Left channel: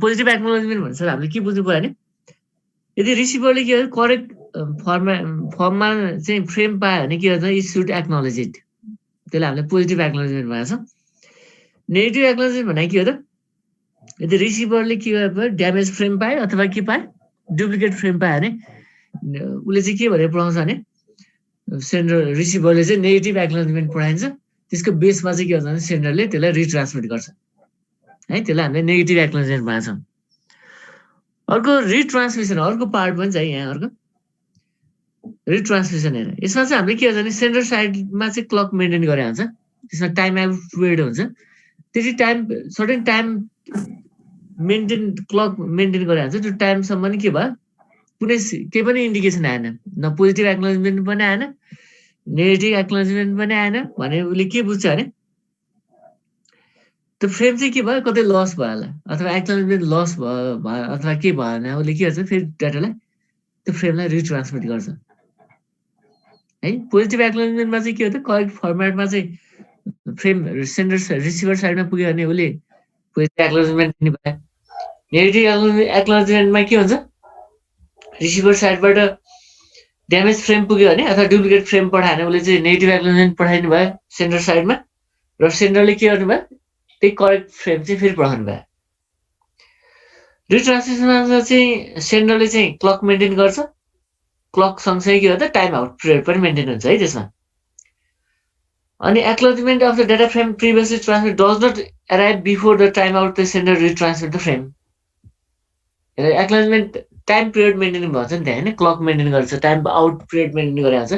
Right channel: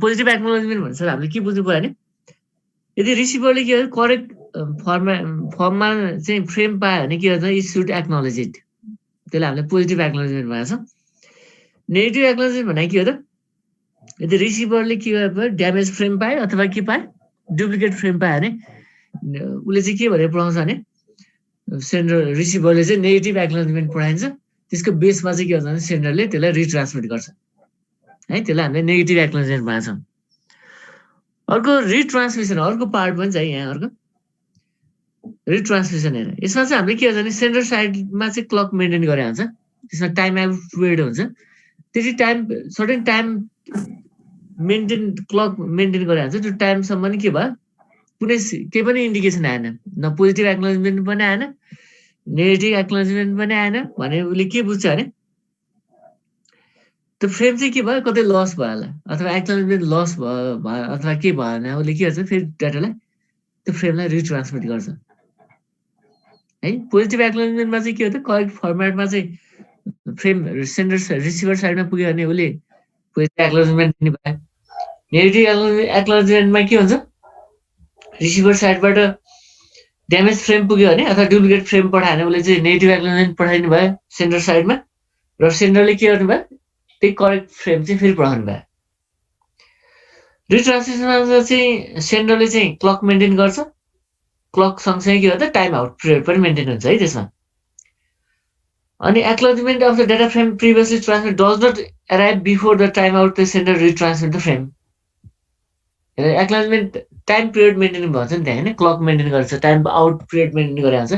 Positive acknowledgement भन्छ हामीले के बुझ्नु पर्यो भने यदि रिसिभरले के गर्छ करेक्ट फर्ममा चाहिँ फ्रेम पायो भने के गर्छ इट सुड एक्नोलेज इट, त्यसलाई हामीले पोजिटिभ एक्नोलेजमेन्ट भनेको छौँ। नेगेटिभ एक्नोलेजमेन्ट भनेको के हो त, यदि रिसिभरले के गर्यो ड्यामेज फ्रेम पायो अथवा के पायो डुप्लिकेट फ्रेम पायो भने उसले चाहिँ के भनेर पढाउँछ भने सेन्डर रिसिभरले चाहिँ नेगेटिभ एक्नोलेजमेन्ट पढाइन्छ, त्यसको बेसमा चाहिँ के हुन्छ भने सेन्डरले त्यसलाई रिट्रान्समिट गर्छ है, त्यसलाई हामीले नेगेटिभ एक्नोलेजमेन्ट भनेको छौँ। अर्को रिट्रान्समिसन, अर्को पार्ट पनि छ यहाँ, अर्को रिट्रान्समिसन हेर, यसमा चाहिँ हामीले के हुन्छ भने सेन्डर साइडमा चाहिँ क्लक मेन्टेन गरे हुन्छ, त्यसमा टाइम आउट पिरियड हुन्छ, त्यति time certain time maintain clock maintain गरे हुन्छ, त्यो टाइमसम्म नि के भयो कुनै केही पनि इन्डिकेसन आएन, न पोजिटिभ एक्नोलेजमेन्ट पनि आएन नेगेटिभ एक्नोलेजमेन्ट पनि आएन भने उसले के बुझ्छ भने त्यो फ्रेम चाहिँ के भयो कतै लस भयो होला अथवा एक्नोलेजमेन्ट लस भयो अथवा के भयो भने उसले के गर्छ फेरि डाटालाई त्यो फ्रेमलाई रिट्रान्समिट गर्छ है। पोजिटिभ एक्नोलेजमेन्टमा चाहिँ के हो त करेक्ट फर्मेटमा चाहिँ फ्रेम सेन्डर रिसिभर साइडमा पुग्यो भने उसले पोजिटिभ एक्नोलेजमेन्ट दिने भयो। नेगेटिभ एक्नोलेजमेन्टमा के हुन्छ रिसिभर साइडबाट ड्यामेज फ्रेम पुग्यो भने अथवा डुप्लिकेट फ्रेम पठायो भने उसले चाहिँ नेगेटिभ एक्नोलेजमेन्ट पठाइदिनु भयो सेन्डर साइडमा र सेन्डरले के गर्नु भयो त्यही करेक्ट फ्रेम चाहिँ फेरि पठाउनु भयो। रिट्रान्समिसनमा चाहिँ सेन्डरले चाहिँ क्लक मेन्टेन गर्छ, क्लक सँगसँगै के गर्दा टाइम आउट पिरियड पनि मेन्टेन हुन्छ है त्यसमा। अनि acknowledgement of the data frame previously transmit does not arrive before the time out the sender retransmit the frame. Acknowledgement time period maintain भन्छ नि त्यहाँ होइन, क्लक मेन्टेन गर्छ, टाइम आउट पिरियड मेन्टेन गरेर हुन्छ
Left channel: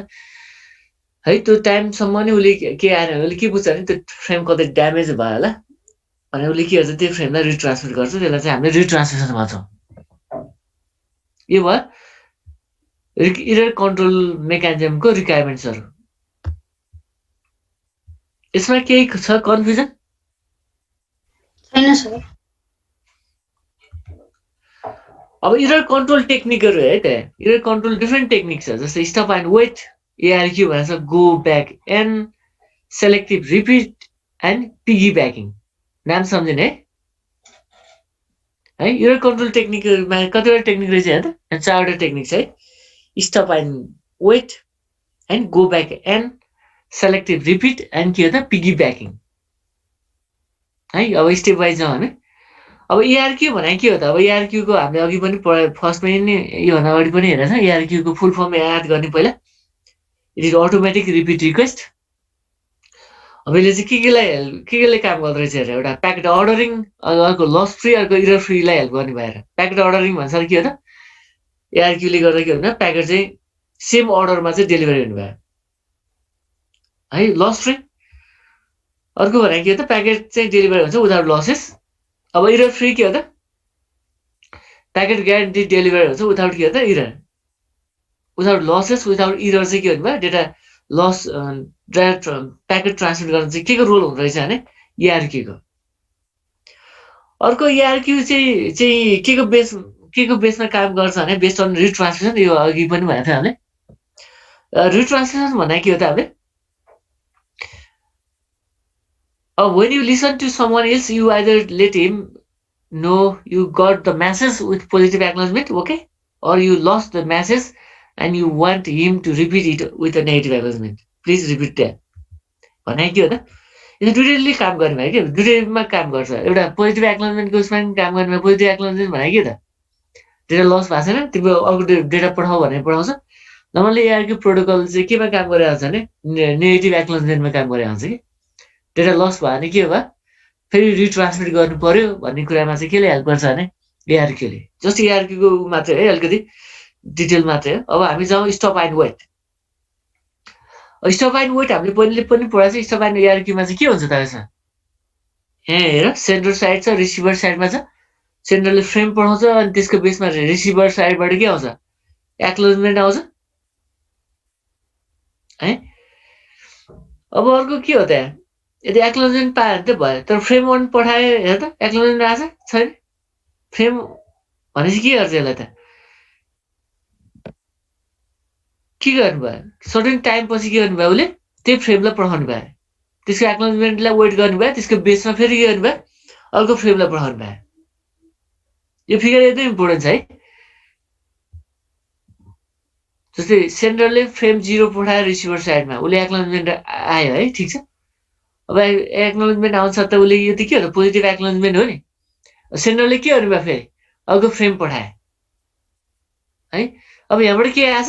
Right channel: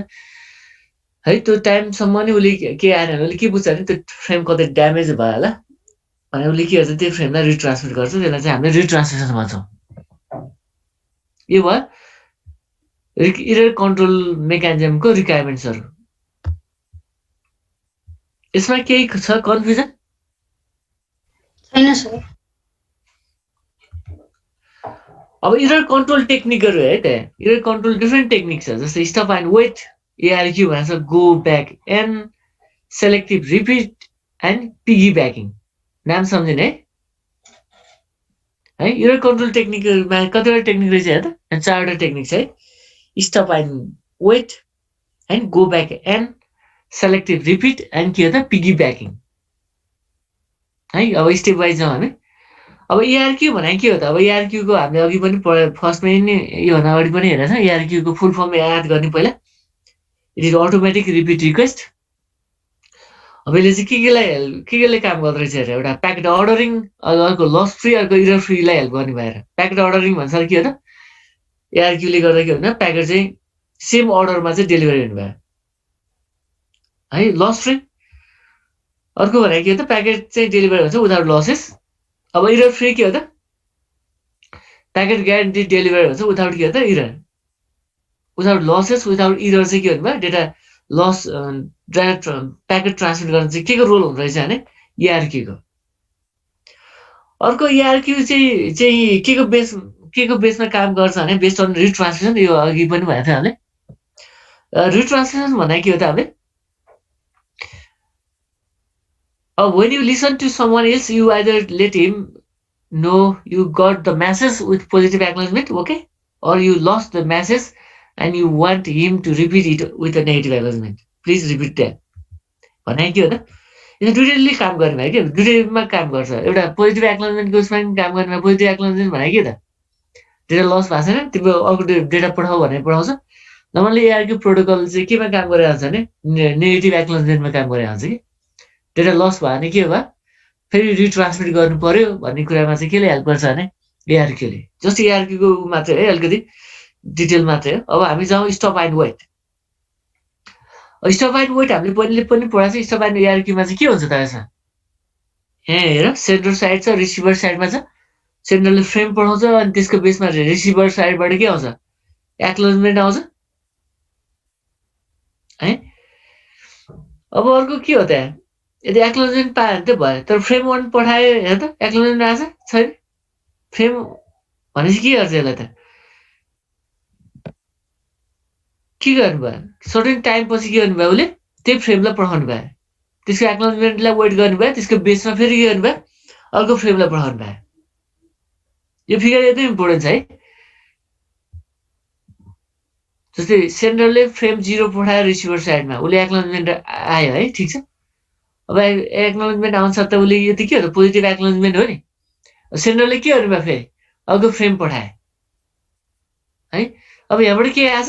है, त्यो टाइमसम्म नि उसले के आएन उसले के बुझ्छ भने त्यो फ्रेम कतै ड्यामेज भयो होला भने उसले के गर्छ त्यो फ्रेमलाई रिट्रान्समिट गर्छ, त्यसलाई चाहिँ हामीले रिट्रान्समिसन भन्छौँ। यो भयो इरर कन्ट्रोल मेकानिजमको रिक्वायरमेन्ट्सहरू। यसमा केही छ कन्फ्युजन? छैन सर। अब इरर कन्ट्रोल टेक्निकहरू है त, इरर कन्ट्रोल डिफ्रेन्ट टेक्निक छ, जस्तै स्टप एन्ड वेट, एआरक्यू भन्छ, go back and, selective repeat and piggy backing, नाम सम्झिने है। इरर कन्ट्रोल टेक्निकमा कतिवटा टेक्निक रहेछ हेर त, 4वटा टेक्निक छ है, stop and wait and go back and selective repeat and के हो त पिगी ब्याकिङ है। अब स्टेप वाइज जाउँ हामी। अब एआरक्यू भनेको के हो त, अब एआरक्यूको हामीले अघि पनि फर्स्टमै नि योभन्दा अगाडि पनि हेरेको छ, एआरक्यूको फुल फर्म याद गर्ने पहिला, it is automatic repeat request. अब यसले चाहिँ के काम गर्दो रहेछ हेर, एउटा प्याकेट अर्डरिङ, अर्को लस फ्री, अर्को इरर फ्रीलाई हेल्प गर्ने भएर प्याकेट अर्डरिङ भन्छ के हो त, एआरक्यूले गर्दा के हुन्छ प्याकेट चाहिँ सेम अर्डरमा चाहिँ डेलिभरी हुनुभयो है, लस फ्री। अर्को भनेको के हो त प्याकेट चाहिँ डेलिभरी हुन्छ विदाउट लसेस। अब इरर फ्री के हो त, प्याकेट ग्यारेन्टी डेलिभरी हुन्छ विदाउट के हो त error, without losses, without error चाहिँ के हुनुभयो data loss data packet transmit गर्न चाहिँ के को रोल हुँदो रहेछ भने एआरक्यूको। अर्को एआरक्यू चाहिँ के को बेसमा काम गर्छ भने बेस्ड अन रिट्रान्समिसन, यो अघि पनि भनेको थियो हामीले। रिट्रान्समिसन भन्दा के हो त हामीले when you listen to someone else, you either let him know you got the message with positive acknowledgement, okay, or you lost the message and you want him to repeat it with a negative acknowledgement. Please repeat that. भने के हो त, यो दुईटैले काम गर्ने भयो के, दुईटैमा काम गर्छ। एउटा पोजिटिभ एक्नोलेजमेन्टको उसमा पनि काम गर्ने भयो। पोजिटिभ एक्नोलेजमेन्ट भने के त, डेटा लस भएको छैन, तिम्रो अर्को डेटा पठाऊ भनेर पठाउँछ। नर्मली एआरक्यू प्रोटोकल चाहिँ केमा काम गरेर हुन्छ भने नेगेटिभ एक्नोलेजमेन्टमा काम गरेर हुन्छ कि, डेटा लस भयो भने के भयो फेरि रिट्रान्समिट गर्नु पर्यो भन्ने कुरामा चाहिँ केले हेल्प गर्छ भने एआरक्यूले। जस्ट एआरक्यूको मात्रै है, अलिकति डिटेल मात्रै हो। अब हामी जाउँ stop and wait. Stop and wait हामीले पहिले पनि पढाएको छ। स्टप एन्ड एआरक्यूमा चाहिँ के हुन्छ त यसमा, यहाँ हेर सेन्डर साइड छ, रिसिभर साइडमा छ। सेन्डरले फ्रेम पठाउँछ अनि त्यसको बेसमा रिसिभर साइडबाट के आउँछ एक्नोलेजमेन्ट आउँछ है। अब अर्को के हो त, यदि एक्नोलेजमेन्ट पायो भने त भयो, तर फ्रेम वन पठायो हेर त एक्नोलेजमेन्ट आएको छैन। फ्रेम भनेपछि के गर्छ यसलाई त, के गर्नुभयो सर्टेन टाइम पछि के गर्नुभयो उसले त्यही फ्रेमलाई पठाउनु भयो, त्यसको एक्नोलेजमेन्टलाई वेट गर्नुभयो, त्यसको बेसमा फेरि के गर्नुभयो अर्को फ्रेमलाई पठाउनु भयो यो फिगर एकदम इम्पोर्टेन्ट छ है। जस्तै सेन्डरले फ्रेम 0 पठायो रिसिभर साइडमा, उसले एक्नोलेजमेन्ट आयो है, ठिक छ। अब एक्नोलेजमेन्ट आउँछ त उसले यो त के हो त पोजिटिभ एक्नोलेजमेन्ट हो नि। सेन्डरले के गर्नु भयो फेरि अर्को फ्रेम पठाए है। अब यहाँबाट के आएछ,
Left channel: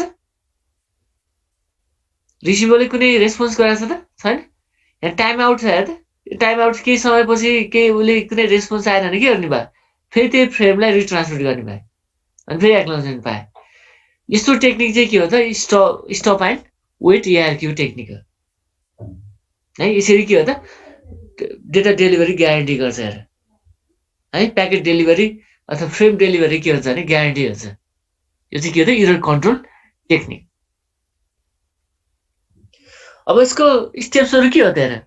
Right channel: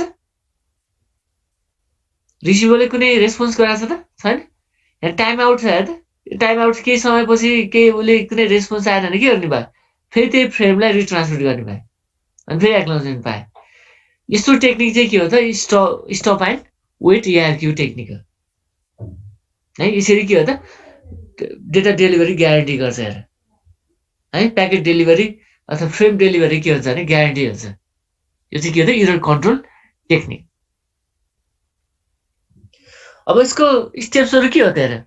रिसिभरले कुनै रेस्पोन्स गराएको छ त छैन। यहाँ टाइम आउट छ हेर त, टाइम आउट केही समयपछि केही उसले कुनै रेस्पोन्स आएन भने के गर्ने भयो, फेरि त्यही फ्रेमलाई रिट्रान्समिट गर्ने भयो अनि फेरि एक्नोलेजमेन्ट पाए। यस्तो टेक्निक चाहिँ के हो त stop and wait ARQ technique हो है। यसरी के हो त डेटा डेलिभरी ग्यारेन्टी गर्छ हेर है। प्याकेट डेलिभरी अथवा फ्रेम डेलिभरी के हुन्छ भने ग्यारेन्टी हुन्छ। यो चाहिँ के हो त एरर कन्ट्रोल टेक्निक। अब यसको स्टेप्सहरू के हो त हेर।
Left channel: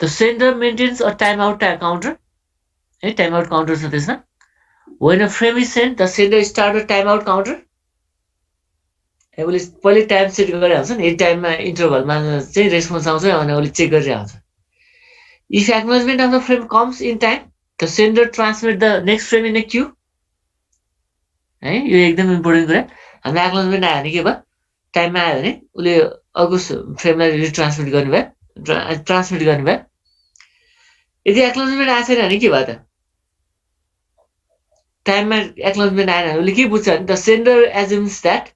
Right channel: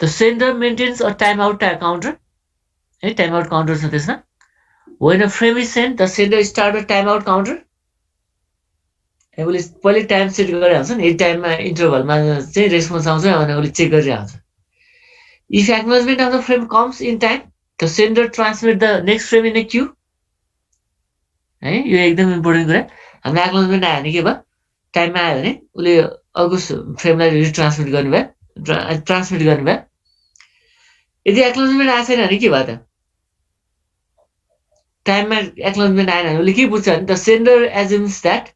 The sender maintains a time out counter है, टाइम आउट काउन्टर छ त्यसमा। When a frame is sent, the sender start a timeout counter. उसले पहिले टाइम सेट गरेर आउँछ नि, यति टाइममा इन्टरभलमा चाहिँ रेस्पोन्स आउँछ भने उसले चेक गरेर आउँछ। If acknowledgement of the frame comes in time, the sender transmit the next frame in a queue. है यो एकदम इम्पोर्टेन्ट कुरा। हाम्रो एक्नोलेजमेन्ट आयो भने के भयो, टाइममा आयो भने उसले अर्को फ्रेमलाई रिट्रान्समिट गर्नुभयो, ट्रान्समिट गर्नुभयो। यदि एक्नोलेजमेन्ट आएको छैन भने के भयो त, टाइममा एक्नोलेजमेन्ट आएन भने उसले के बुझ्छ भने the sender assumes that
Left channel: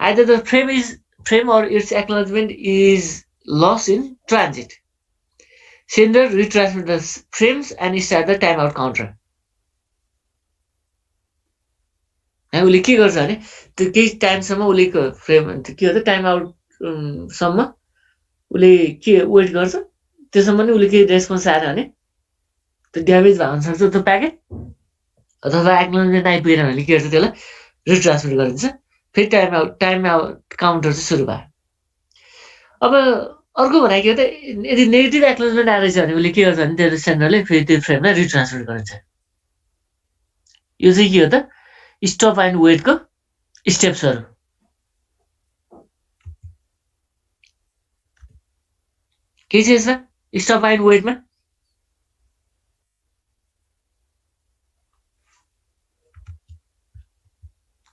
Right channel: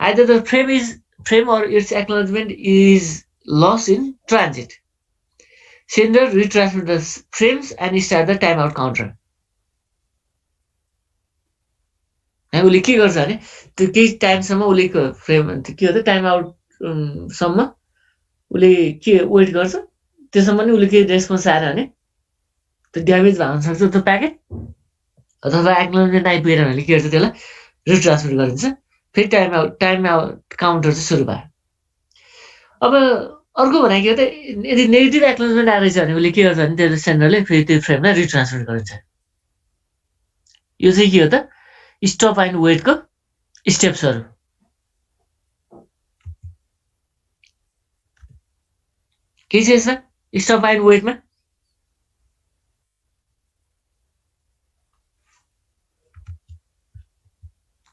either the frame or its acknowledgement is lost in transit. Sender retransmit the frames and start the timeout counter. उसले के गर्छ भने त्यो केही टाइमसम्म उसले फ्रेम के हो त टाइम आउट सम्म उसले के वेट गर्छ, त्यसम्म नि उसले केही रेस्पोन्स आएन भने त्यो ड्यामेज भएको सक्छ त्यो प्याकेट, अथवा एक्नोलेजमेन्ट आइपुगेन भने के गर्छ त्यसलाई रिट्रान्समिट गरिदिन्छ, फेरि टाइम आउट काउन्टर चाहिँ सुरु भयो। अब अर्को भनेको के हो त, यदि नेगेटिभ एक्नोलेजमेन्ट आएछ भने उसले के गर्छ भने त्यो सेन्डरले फेरि त्यो फ्रेमलाई रिट्रान्समिट गरिन्छ। यो चाहिँ के हो त स्टप एन्ड वेटको स्टेप्सहरू। के छ यसमा स्टप एन्ड वेटमा,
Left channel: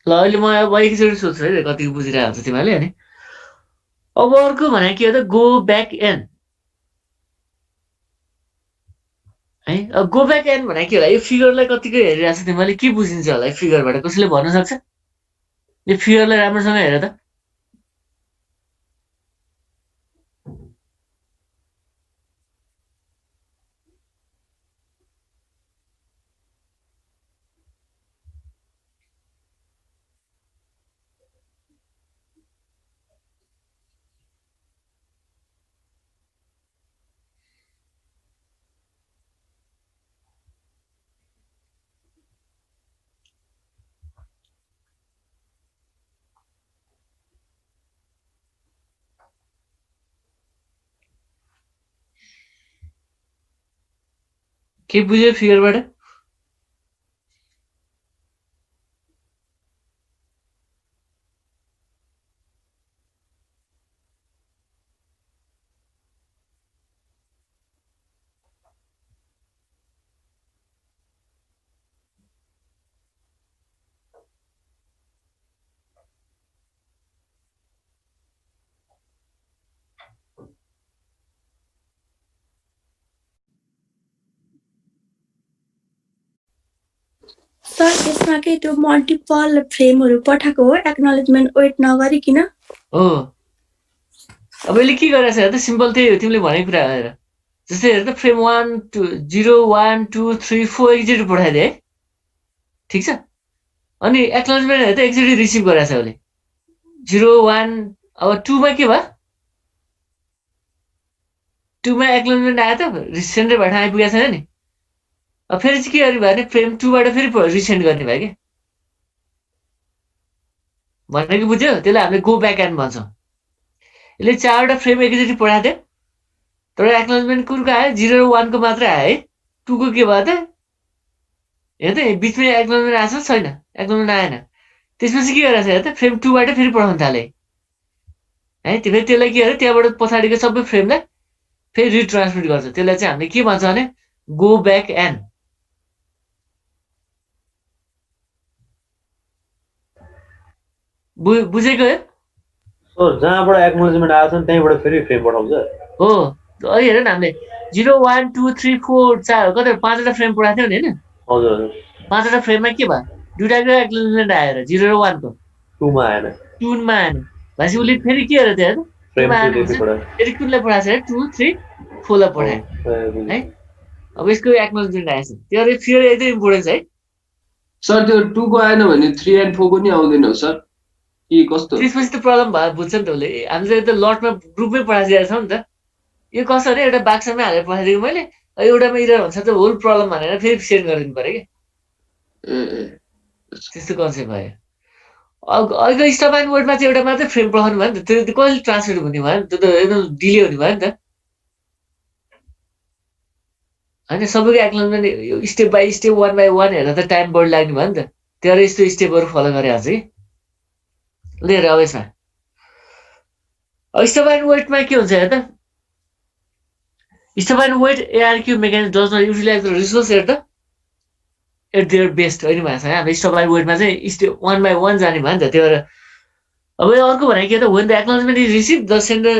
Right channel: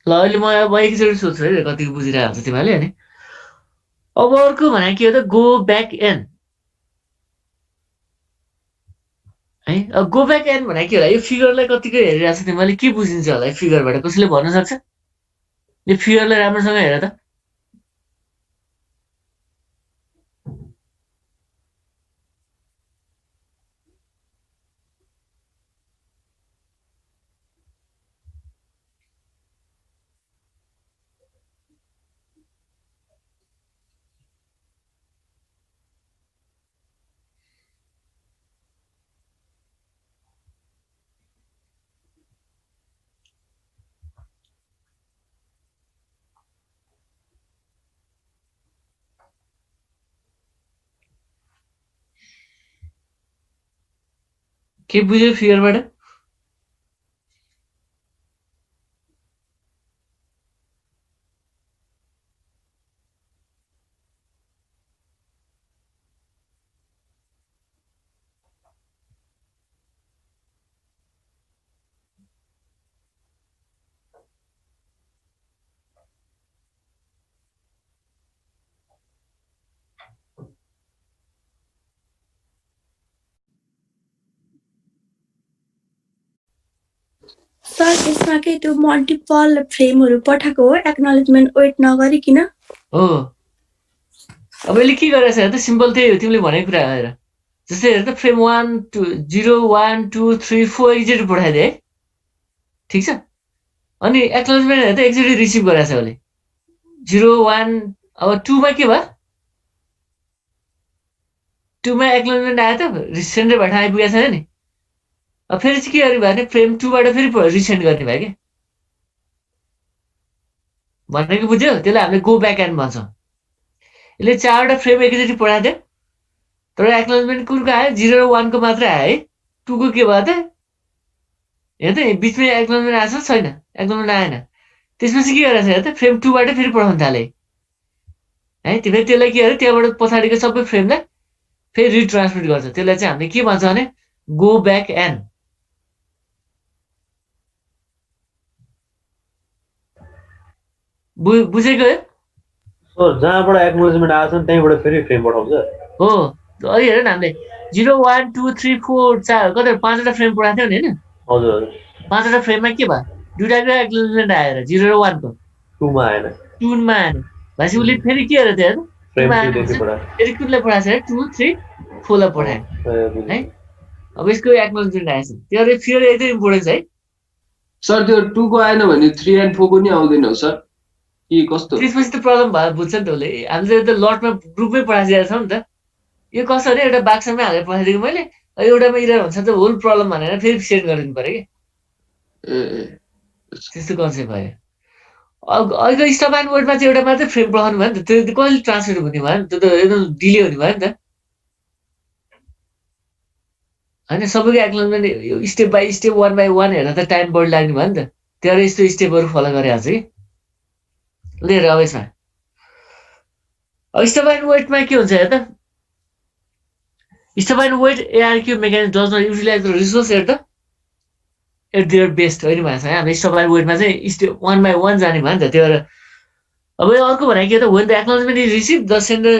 ल अहिले म अब एकैचोटि सोध्छु है कतिको बुझिरहेको हुन्छ तिमीहरूले होइन। अब अर्को भनेको के हो त गो ब्याक एन है। अब गो ब्याक एन भनेको के होला, यो फिगरलाई कतिको हेरिरहेको छ तिमीहरूले के बुझिन्छ होला है फिगरबाट, कसैले भन्न सक्छ? यो फिगरलाई राम्रोसँग हेर त। के बुझ्यो फिगरबाट? सर यसमा के त्यो मल्टिपल फ्रेमहरू पठाएको हो एक्नोलेजमेन्ट वेट नगरिकिन? हो। अब यसले के गरेछ हेर त, सिम्पल त्यही हो तिमीले भनेको कुरा हेर। जस्तै हेर त फ्रेम 1 2 0 1 2 3 4 एकचोटि पठाइदिए है, ठिक छ। अनि एक्नोलेजमेन्ट हेर त एकचोटि रिसिभ गरेछ उसले 0 1। अब 2 मा के भयो, 2 मा एक्नोलेजमेन्ट आयो त सेन्डरबाट आइपुगेको छैन नि। अब फेरि चाहिँ के गर्ने भयो भने फ्रेम 2 बाट फेरि रिसेन्ड गर्ने भयो क्या भनेको बुझ्यो। त्यसलाई हामीले गो ब्याक एन्ड भन्छौँ। यसले 4वटा फ्रेम एकैचोटि पठाएको थियो तर एक्नोलेजमेन्ट कुनको आयो 0 र 1 को मात्रै आयो है। 2 को के भयो त हेर त बिचमै एक्नोलेजमेन्ट आएको छ छैन, एक्नोलेजमेन्ट आएन। त्यसपछि के गरेछ हेर त फ्रेम 2 बाट फेरि पठाउन थाले है। फेरि त्यसलाई के अरे त्यहाँबाट पछाडिको सबै फ्रेमलाई फेरि रिट्रान्समिट गर्छ। त्यसलाई चाहिँ हामीले के भन्छ भने गो ब्याक एन बुझेको सो जहाँबाट एक्नोलेजमेन्ट आएको छ नि त्यहीँबाट फेरि फ्रेम पठाउँछ हो अहिले हेर न हामीले 0 1 2 3 4 4 कति 5वटा फ्रेम पढाएको थियो नि हैन हजुर हजुर 5वटा फ्रेममा के भयो दुईटाको एक्नोलेजमेन्ट आएर 0 र 1 को 2 मा आएन 2 मा आएन भनेपछि उसले फेरि के गरेर थियो 2 फ्रेम मा 2 आएन देखि भनेपछि पढा फेरि कुनलाई पढाएको छ 2 3 4 लाई पढायो है अब यसको एक्नोलेजमेन्ट आएछ त्यो अरे फेरि एकदम इम्पोर्टेन्ट छ है सर त्यो 2 को आएन भने 3 and 4 को नि आउँदैन हो सर कि कस्तो त्यसपछि त प्रब्लम भयो बुझ्छ नि त उसले हामीले त लटमा ग्रुपमै पढाइदिएको छ नि त यो कसरी एउटा बाक्समै हालेर पठाइदिएको मैले एउटामा इरर हुन्छ त होल प्रब्लम भनेर फेरि सेन्ड गरिदिनु पर्यो कि ए त्यस्तो कन्सेप्ट भयो अहिलेको स्टप एन्ड वर्डमा चाहिँ एउटा मात्रै फ्रेम पठाउनु भयो नि त त्यो कहिले ट्रान्सलेट हुने भयो नि त्यो त एकदम डिले हुने भयो नि त होइन सबैको acknowledgement step by step 1 by 1 हेर्दा त टाइम बढी लाग्ने भयो नि त त्यो अरे यस्तो स्टेपहरू फलो गरे आज कि लिएर अब यसमा स्टप एन्ड वेटमा के हुन्छ हेर त stop and wait ARQ mechanism does not utilize the resource at the at their best होइन भएको छ हाम्रो स्टप एन्ड वेटमा चाहिँ स्टेप 1 by 1 जाने भयो नि त त्यो भएर अब यो अर्को भने के त when the acknowledgement is receive the sender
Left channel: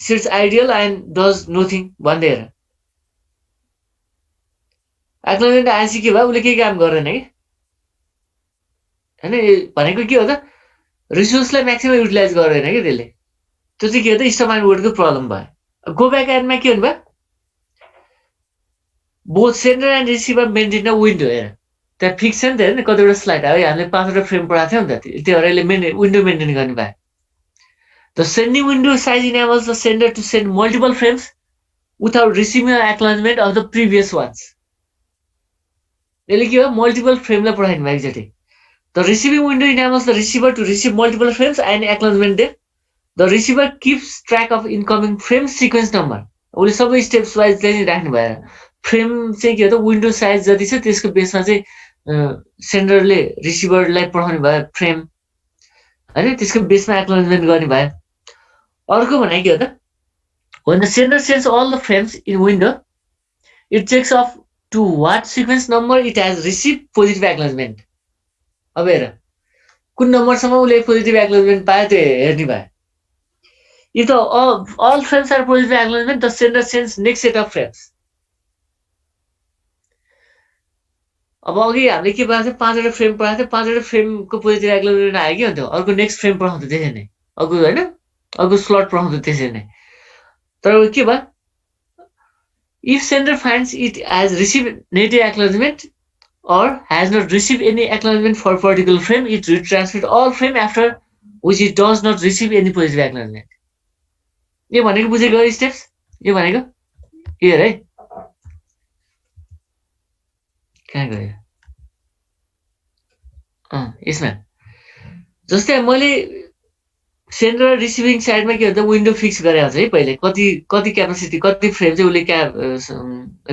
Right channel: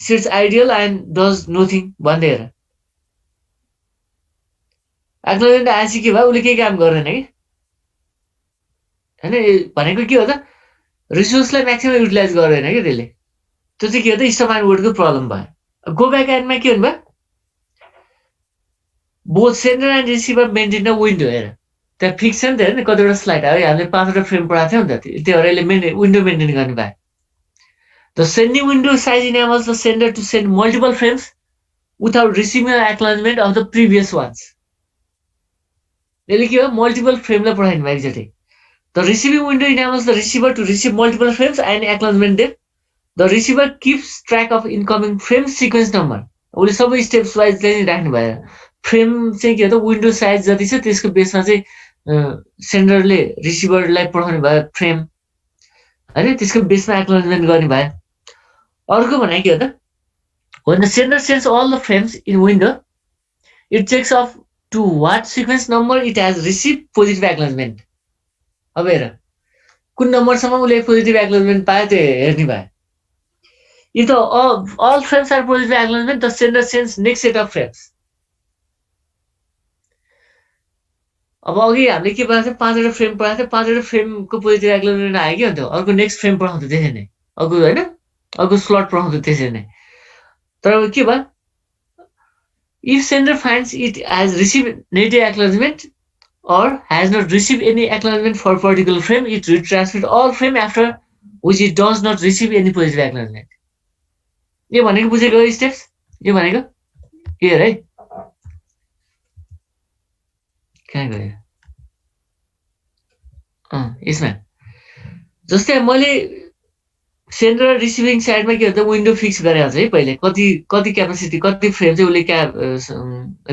sits idle and does nothing भन्दै हेर एक्नोलेजमेन्ट आएपछि के भयो उसले केही काम गर्दैन कि होइन भनेको के हो त रिसोर्सलाई म्याक्सिमम युटिलाइज गर्दैन कि त्यसले त्यो चाहिँ के हो त स्टप एन्ड वेटको प्रब्लम भयो गो ब्याक एन्डमा के हुनु भयो both sender and receiver maintain a window हेर त्यहाँ फिक्स छ नि त हेर न कतिवटा स्लाइड अब हामीले 5वटा फ्रेम पढाएको थियौँ नि त त्यो भएर यसले विन्डो मेन्टेन गर्ने भयो the sending window size enables the sender to send multiple frames without receiving acknowledgement of the previous ones यसले के हो मल्टिपल फ्रेमलाई पठाइदिनु भयो एकचोटि the receiving window enables the receiver to receive multiple frames and acknowledgement them the receiver keeps track of incoming frame sequence number उसले सबै steps wise चाहिँ राख्नु भएर फ्रेम चाहिँ के हो त विन्डो साइज जति छ त्यसको बेसमा चाहिँ सेन्डरले रिसिभरलाई पठाउने भयो फ्रेम होइन त्यसको बेसमा एक्नोलेजमेन्ट गर्ने भयो अर्को भने के हो त when the sender sends all the frames in window it checks off to what sequence number it has received positive acknowledgement अब हेर कुन नम्बरसम्म उसले पोजिटिभ एक्नोलेजमेन्ट पायो त्यो हेर्ने भयो if the all frames are positive acknowledgement the sender sends next set of frames अब अघि हामीले के पढाएको थियो 5वटा फ्रेम पढाएको थियो 5वटा फ्रेमको पोजिटिभ एक्नोलेजमेन्ट आयो कि अन्त अर्को नेक्स्ट फ्रेम पढाउँथ्यो त्यसरी नै अर्को होइन अर्को स्लट पढाउँथ्यो त्यसरी नै तर के भयो if sender finds it has received negative acknowledgement or has not received any acknowledgement for particular frame it retransmits all frame after which it does not receive any positive acknowledgement यो भनेको बुझेको steps यो भनेको के हेर है कहाँ गयो यसमा जस्तै मैले सेन्डर र रिसिभिङ साइडमा के हुन्छ विन्डो फिक्स गरेको छ है पहिले कति क्यापासिटी कति फ्रेम चाहिँ उसले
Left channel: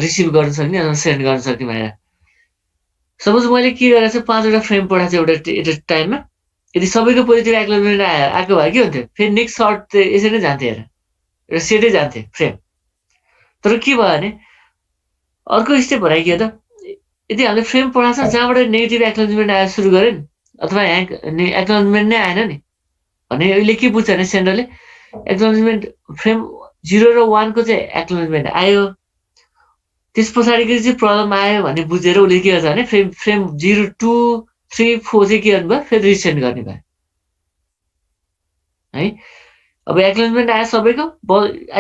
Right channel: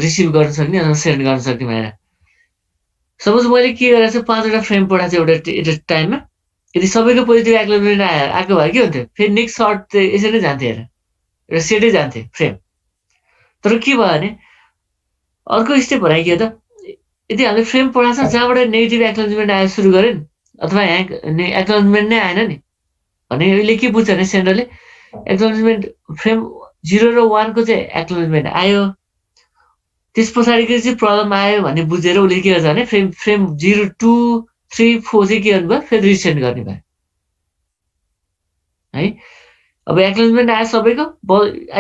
रिसिभ गर्न सक्ने अथवा सेन्ड गर्न सक्ने भनेर सपोज मैले के गरेको छु 5वटा फ्रेम पठाएको छु एउटा टाइममा यदि सबैको पोजिटिभ एक्नोलेजमेन्ट आएको भए के हुन्थ्यो फेरि नेक्स्ट सर्ट चाहिँ यसरी नै जान्थ्यो हेर एउटा सेटै जान्थे फ्रेम तर के भयो भने अर्को स्टेप भने के हो त यदि हामीले फ्रेम पढाएको छ जहाँबाट नेगेटिभ एक्नोलेजमेन्ट आएर सुरु गऱ्यो नि अथवा एक्नोलेजमेन्ट नै आएन नि भने यसले के बुझ्छ भने सेन्डरले एक्नोलेजमेन्ट फ्रेम 0 र 1 को चाहिँ एक्नोलेजमेन्ट आयो त्यस पछाडिको चाहिँ प्रब्लम आयो भने बुझेर उसले के गर्छ भने फ्रेम 0 2 3 4 चाहिँ के गर्नुभयो फेरि रिसेन्ड गर्ने भयो है अब एक्नोलेजमेन्ट आयो सबैको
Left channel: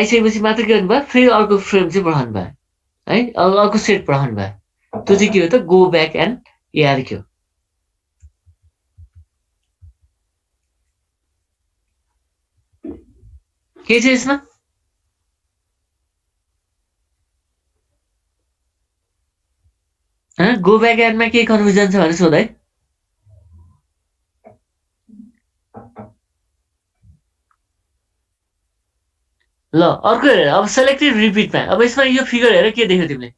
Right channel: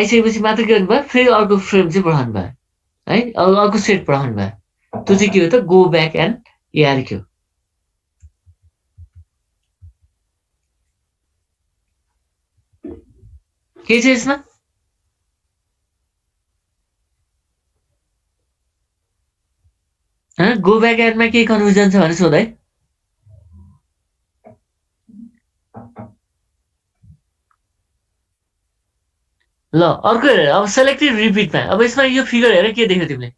आइसकेपछि मात्र के गर्नुभयो फेरि अर्को फ्रेम चाहिँ पठाउनु भयो है अर्को सेट पठाउनु भयो त्यो चाहिँ के हो त गो ब्याक एन्ड एआरक्यू के छ यसमा गो ब्याक एन्डमा केही कन्फ्युजन छ भने सोध है ल अर्को हेर अब सेलेक्टेड रिपिटमा अब यसमा यो फिगर हेर के देख्यौ तिमीले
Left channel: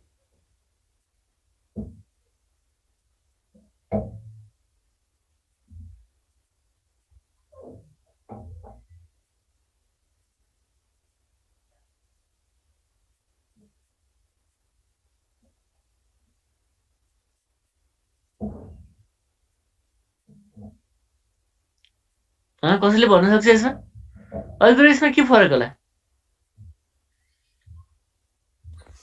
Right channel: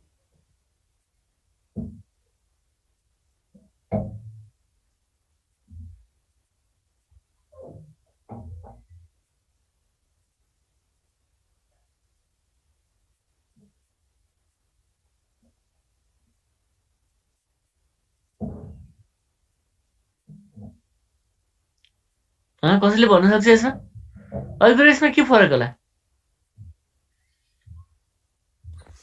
कसैले भन्नु सक्छ यसमा अघिको र यसमा के फरक होला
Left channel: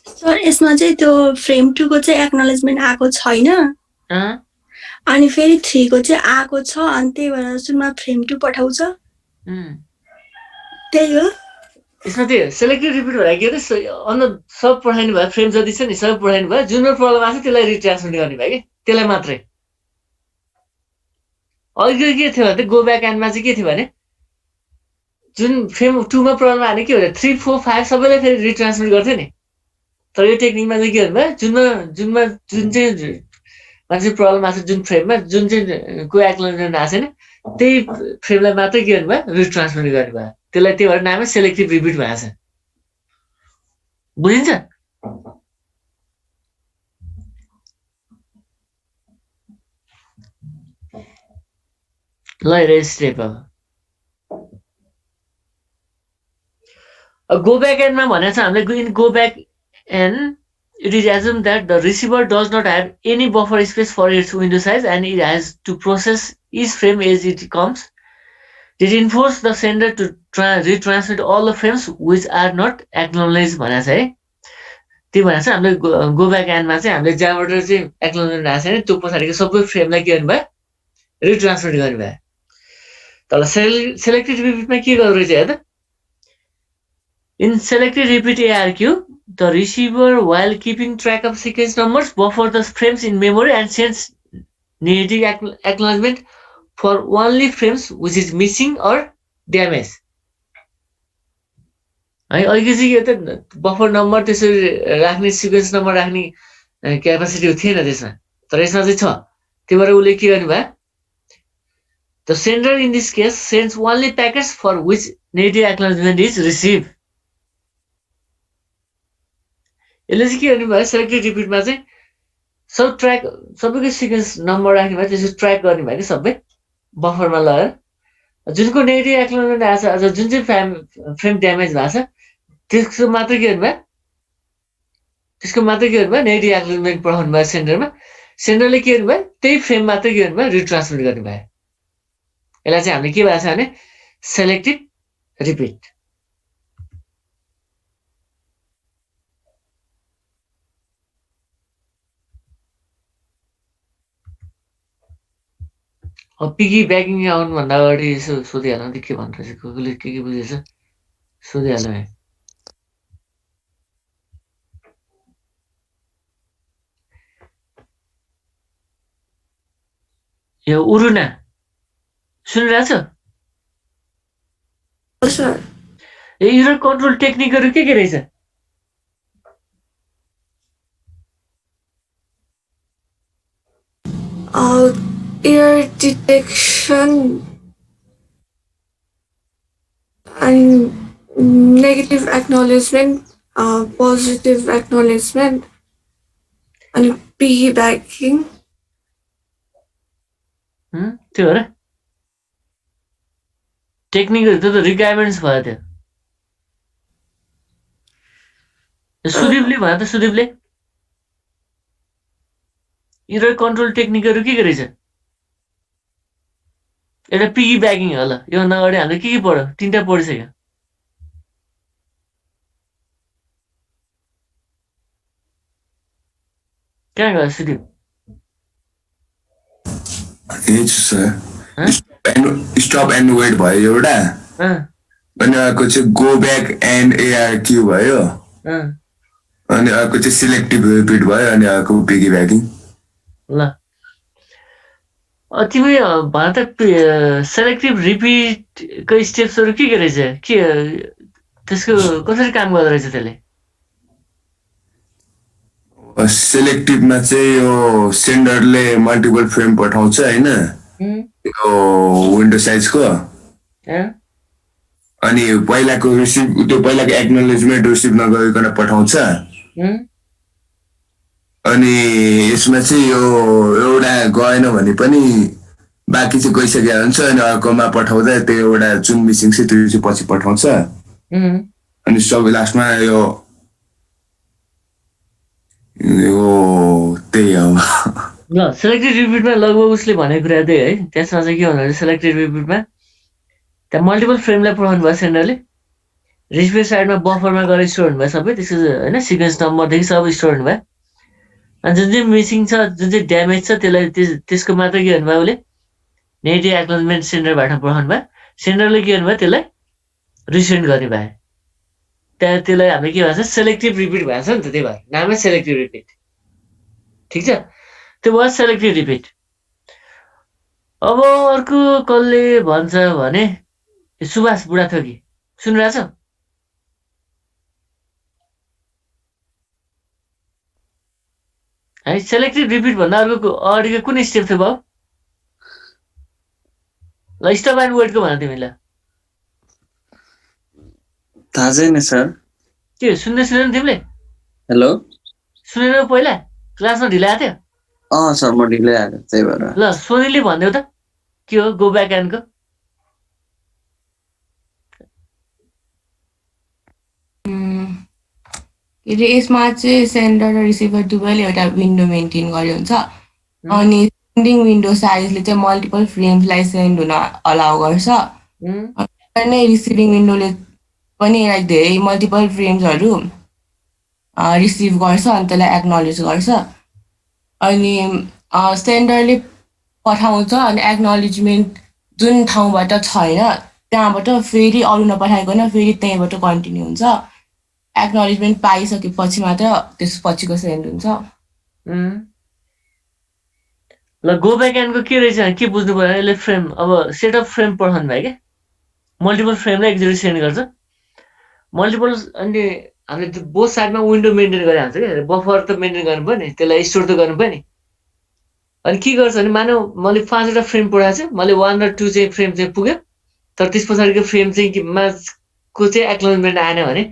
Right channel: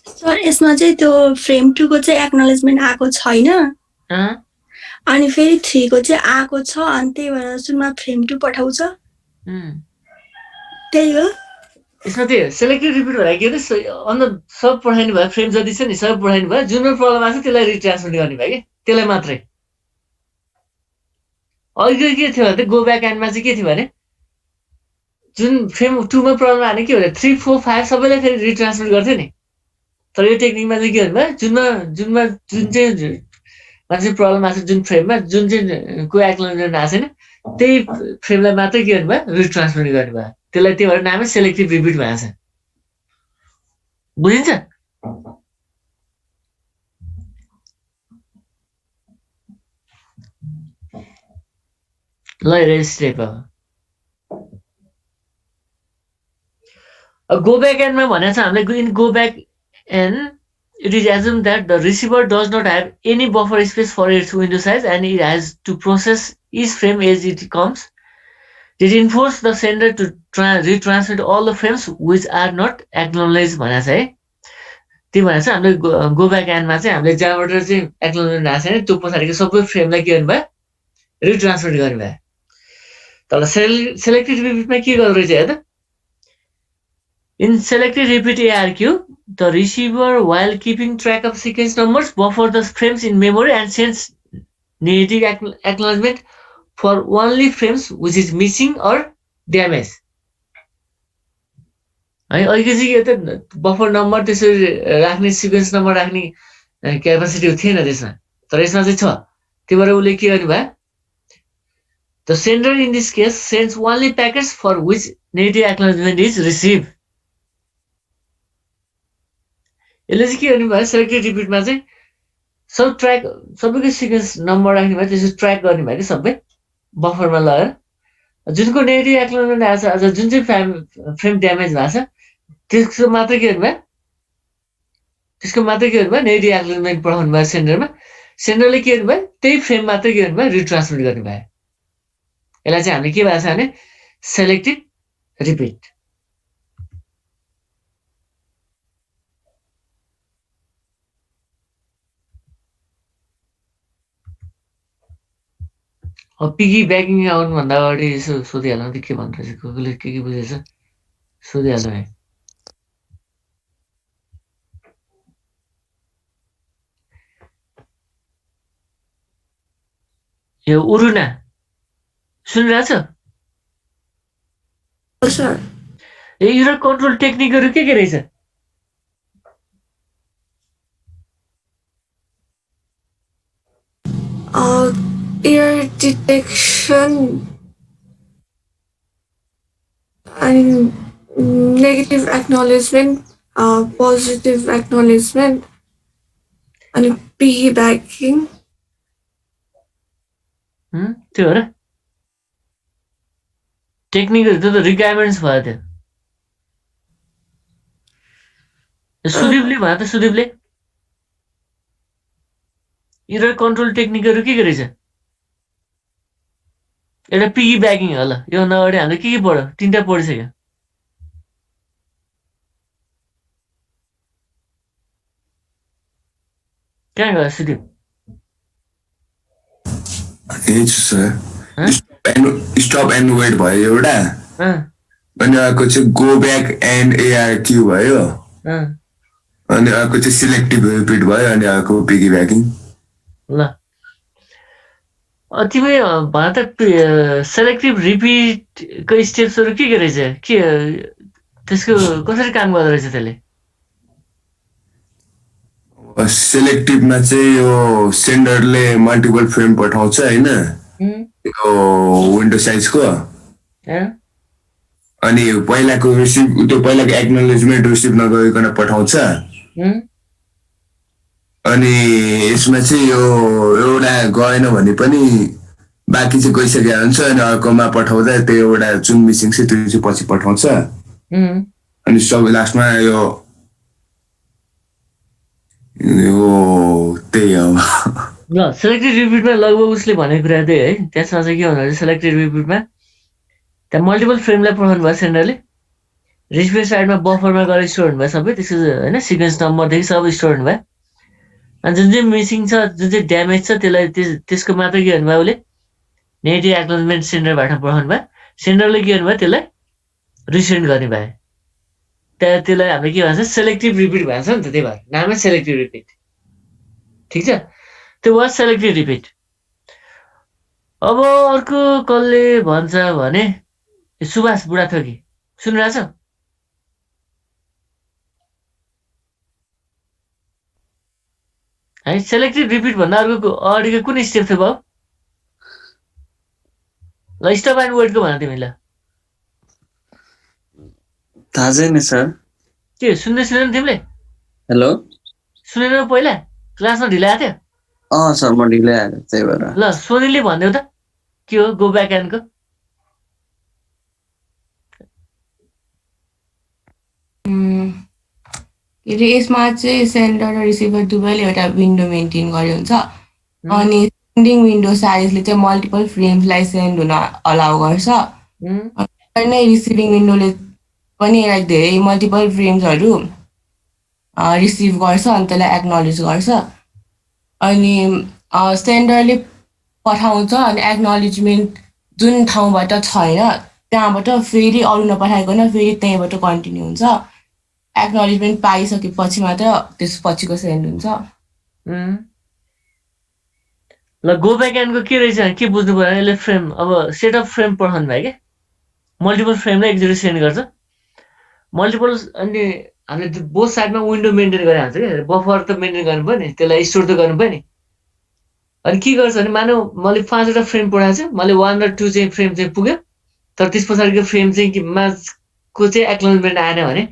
सर यसमा चाहिँ त्यो फ्रेम 2 को चाहिँ एक्नोलेजमेन्ट आएको छैन अँ, अनि फेरि 3 को चाहिँ आएको छ अनि त्यही भएर सुरुमा फ्रेम 2 पठाउँछ उम्, त्यही हो यसमा त्यो सेलेक्टेड रिपिट भएर के अरे अन्त सब पठाइनु भयो फ्रेम जति छ नि सब पठाइनु भयो जुनमा प्रब्लम आएको छ त्यसलाई रिट्रान्समिट गर्ने भयो कि त्यसलाई मात्रै अघिको के थियो भने गो ब्याक एन्डमा चाहिँ के थियो भने जुन फ्रेम 2 मा प्रब्लम आने के भने 3 4 5 सबैलाई फेरि रिट्रान्समिट गर्थ्यो नि तर यो टेक्निकमा चाहिँ के भन्नु जुन चाहिँ मान्छे प्रब्लम आएको छ जुन फ्रेममा जुन चाहिँ को एक्नोलेजमेन्ट आएको छैन त्यही फ्रेमलाई मात्रै के गर्नु भयो रिट्रान्समिट गर्नु भयो त्यसलाई त्यही भएर नामै सेलेक्टिभ रिपिट भएको छ बुझिन्छ ल हेर स्टेप अब गो ब्याक एन्डमा भनेको छ हामीले in go back and it is assumed that the receiver does not have any buffer space for its window size and it has to process each frame as it comes. It enforces the sender to retransmit all the frames which are not acknowledged भनेको छ है त्यो भनेको छ हामीले go back एन्डमा चाहिँ हामीले जहाँबाट चाहिँ एक्नोलेजमेन्ट आएको छैन त्यो पछाडिको सबै फ्रेमलाई के गर्नु भयो रिट्रान्समिट गर्नु भयो तल सेलेक्टेड रिपिटमा के गर्दो रहेछ हेर त In selected repeat ARQ, the receiver, while keeping track of sequence numbers, buffer the frames in memory and sends negative acknowledgement for only frames which is missing or damaged. है अहिले चाहिँ यो त बफर नम्बर त्यसरी राख्ने sequence number राख्ने capacity थिएन त्यसमा तर यसमा चाहिँ छ त्यही भएर उसले के गर्नु भयो The sender in this case sends only packets for which negative acknowledgement is received. यसले चाहिँ के गर्नु भयो सेलेक्टेड रिपिटमा चाहिँ सब ट्र्याक सबैको सिक्वेन्स नम्बर राख्ने भयो त्यसरी ट्र्याक गर्ने भयो कि सबै बफरमा लगाएर जुनको नेगेटिभ एक्नोलेजमेन्ट आएको छ अझ जुन चाहिँ फ्रेम ड्यामेज भएको छ त्यसको मात्रै के गर्नु भयो नेगेटिभ एक्नोलेजमेन्ट पठाउनु भयो सेन्डरले के गर्नु भयो त्यही फ्रेम मात्रै के गर्नु भयो रिट्रान्समिट गर्नु भयो यसलाई चाहिँ हामीले के भएको छ भने सेलेक्टिभ रिपिट पिगी ब्याकिङ आउनुभन्दा अगाडि यसो सोधिहाल्नु त के भन्छ कसले के बुझेछ सोधिहाल्नु है यो उरुना सुनिरहेछ ए एरर कन्ट्रोल टेक्निकहरू के रहेछ Error detection and negative acknowledgement, positive acknowledgement, and piggybacking. त्यो हो र टेक्निकहरू त रिक्वायरमेन्ट्स भयो त्यो सुदीपले भयो त सुदीपले एरर कन्ट्रोल टेक्निकहरू के रहेछ एउटा पिगी ब्याकिङ होला योभन्दा अगाडि हामीले के पढ्यो तिनवटा पढिसक्यो कहाँ गयो सुदीप स्टप एन्ड वेट भयो एउटा अनि अर्को चाहिँ गो ब्याक एन्ड एआरक्यू भयो अनि अर्को चाहिँ सिलेक्टिभ रिपिट भयो अनि अर्को पिगी ब्याकिङ ल तिमी भन त सेलेक्टिभ रिपिटको स्टेप्सहरू के रहेछ के त्यसको कसरी काम गर्दो रहेछ त्यसले सेलेक्टिभमा चाहिँ यो सेन्डरले मल्टिपल फ्रेम पठाउँछ होइन यो विन्डो साइजको अनि पहिलाको एक्नोलेजमेन्ट रिसिभ नगरिकन पठाउँछ अनि यसमा चाहिँ यो एउटा गएन भने पनि बाँकी चाहिँ गइसकेको हुन्छ अनि अर्कोमा पठाउँदा त्यो एउटा जुन मिसिङ छ त्यो चाहिँ पछि पठाउँछ अनि सब लास्टमा यो त्यही हो ल सेलेक्टेड रिपिटमा लगभग उसले भनेको कुरा त्यही है त्यसमा चाहिँ के भन्नु सेलेक्टेड रिपिटमा त्यहाँ मल्टिपल फ्रेमलाई पठाउनु भयो सेन्डरले रिसिभर साइडमा बफरमा गएर स्टोर हुनुभयो सबै त्यसको होइन सिक्वेन्स नम्बरदेखि सबै स्टोर हुनुभयो अनि जुन चाहिँ मिसिङ छ जुन चाहिँ ड्यामेज छ त्यसलाई त्यसको मात्र के भन्नुभयो उसले नेगेटिभ एक्नोलेजमेन्ट सेन्डरबाट पठाउनु भयो सेन्डरले के गर्नुभयो त्यसलाई रिसेन्ड गर्ने भयो त्यहाँ त्यसलाई हामीले के भन्छ सेलेक्टिभ रिपिट भएको छ नि त त्यही भएर नामै सेलेक्टिभ रिपिट ठिक छ त्यो भयो सेलेक्टिभ रिपिट अब अर्को कसले भन्छ भने सुभाष बुढाथोकी सुनिरहेछ है सेलेक्टिभ रिपिट भन्दा अर्को अगाडिको कुन स्टेप थियो भाउ ल स्टप एन्ड वेटको भन तिमीलाई थाहा छैन सर के सुन्दै सुनेन तिमीले हेलो सुनेन पहिला क्लासमा ढिला आएको थियो सर म ढिलै आएको त्यही भएर ल सोनीले भनिदेऊ त के हो गो ब्याक एन्डको के अरे यसमा चाहिँ सेन्डर र रिसिभर दुवैले एउटा विन्डो मेन्टेन गर्यो हुन्छ अनि सेन्डिङ विन्डो साइजले चाहिँ मल्टिपल फ्रेम्सलाई सेन्ड हुन अलाउ गर्छ नै रिसिभिङ विन्डोले पनि लाइक धेरै मल्टिपल फ्रेम्सहरू रिसिभ गर्छ अनि त्यसलाई एक्नोलेज गर्छ अनि सेन्डरले पठाउँछ अनि एक्नोलेजमेन्ट जुन ठाउँबाट छैन त्यहाँबाट फेरि अरू नपठाइकन फेरि त्यहीँबाट कन्टिन्यू हुन्छ एक्नोलेजमेन्ट पाइसकेपछि मात्र त्यसपछिको सेन्ड हुन्छ ल गो ब्याक एन्डको के रहेछ के बुझ्नु पर्यो यसले फ्रेम अब सेट अफ फ्रेम पठाउनु भयो क्या मल्टिपल फ्रेमलाई एकचोटि सेन्ड गर्छ मल्टिपल अनि हामीले बोथ साइडमा विन्डो मेन्टेन गरेर हाल्छ क्या बफर त मेन्टेन गर्नु पर्यो नि त्यसलाई स्टोर त गर्नु पर्यो नि अनि के गर्छ भने मानव मैले 5वटा फ्रेम पठाएको छु मैले 1 र 2 चाहिँ फ्रेम चाहिँ पुग्यो तर त्यस पछाडिको फ्रेम चाहिँ को चाहिँ एक्नोलेजमेन्ट आएन भने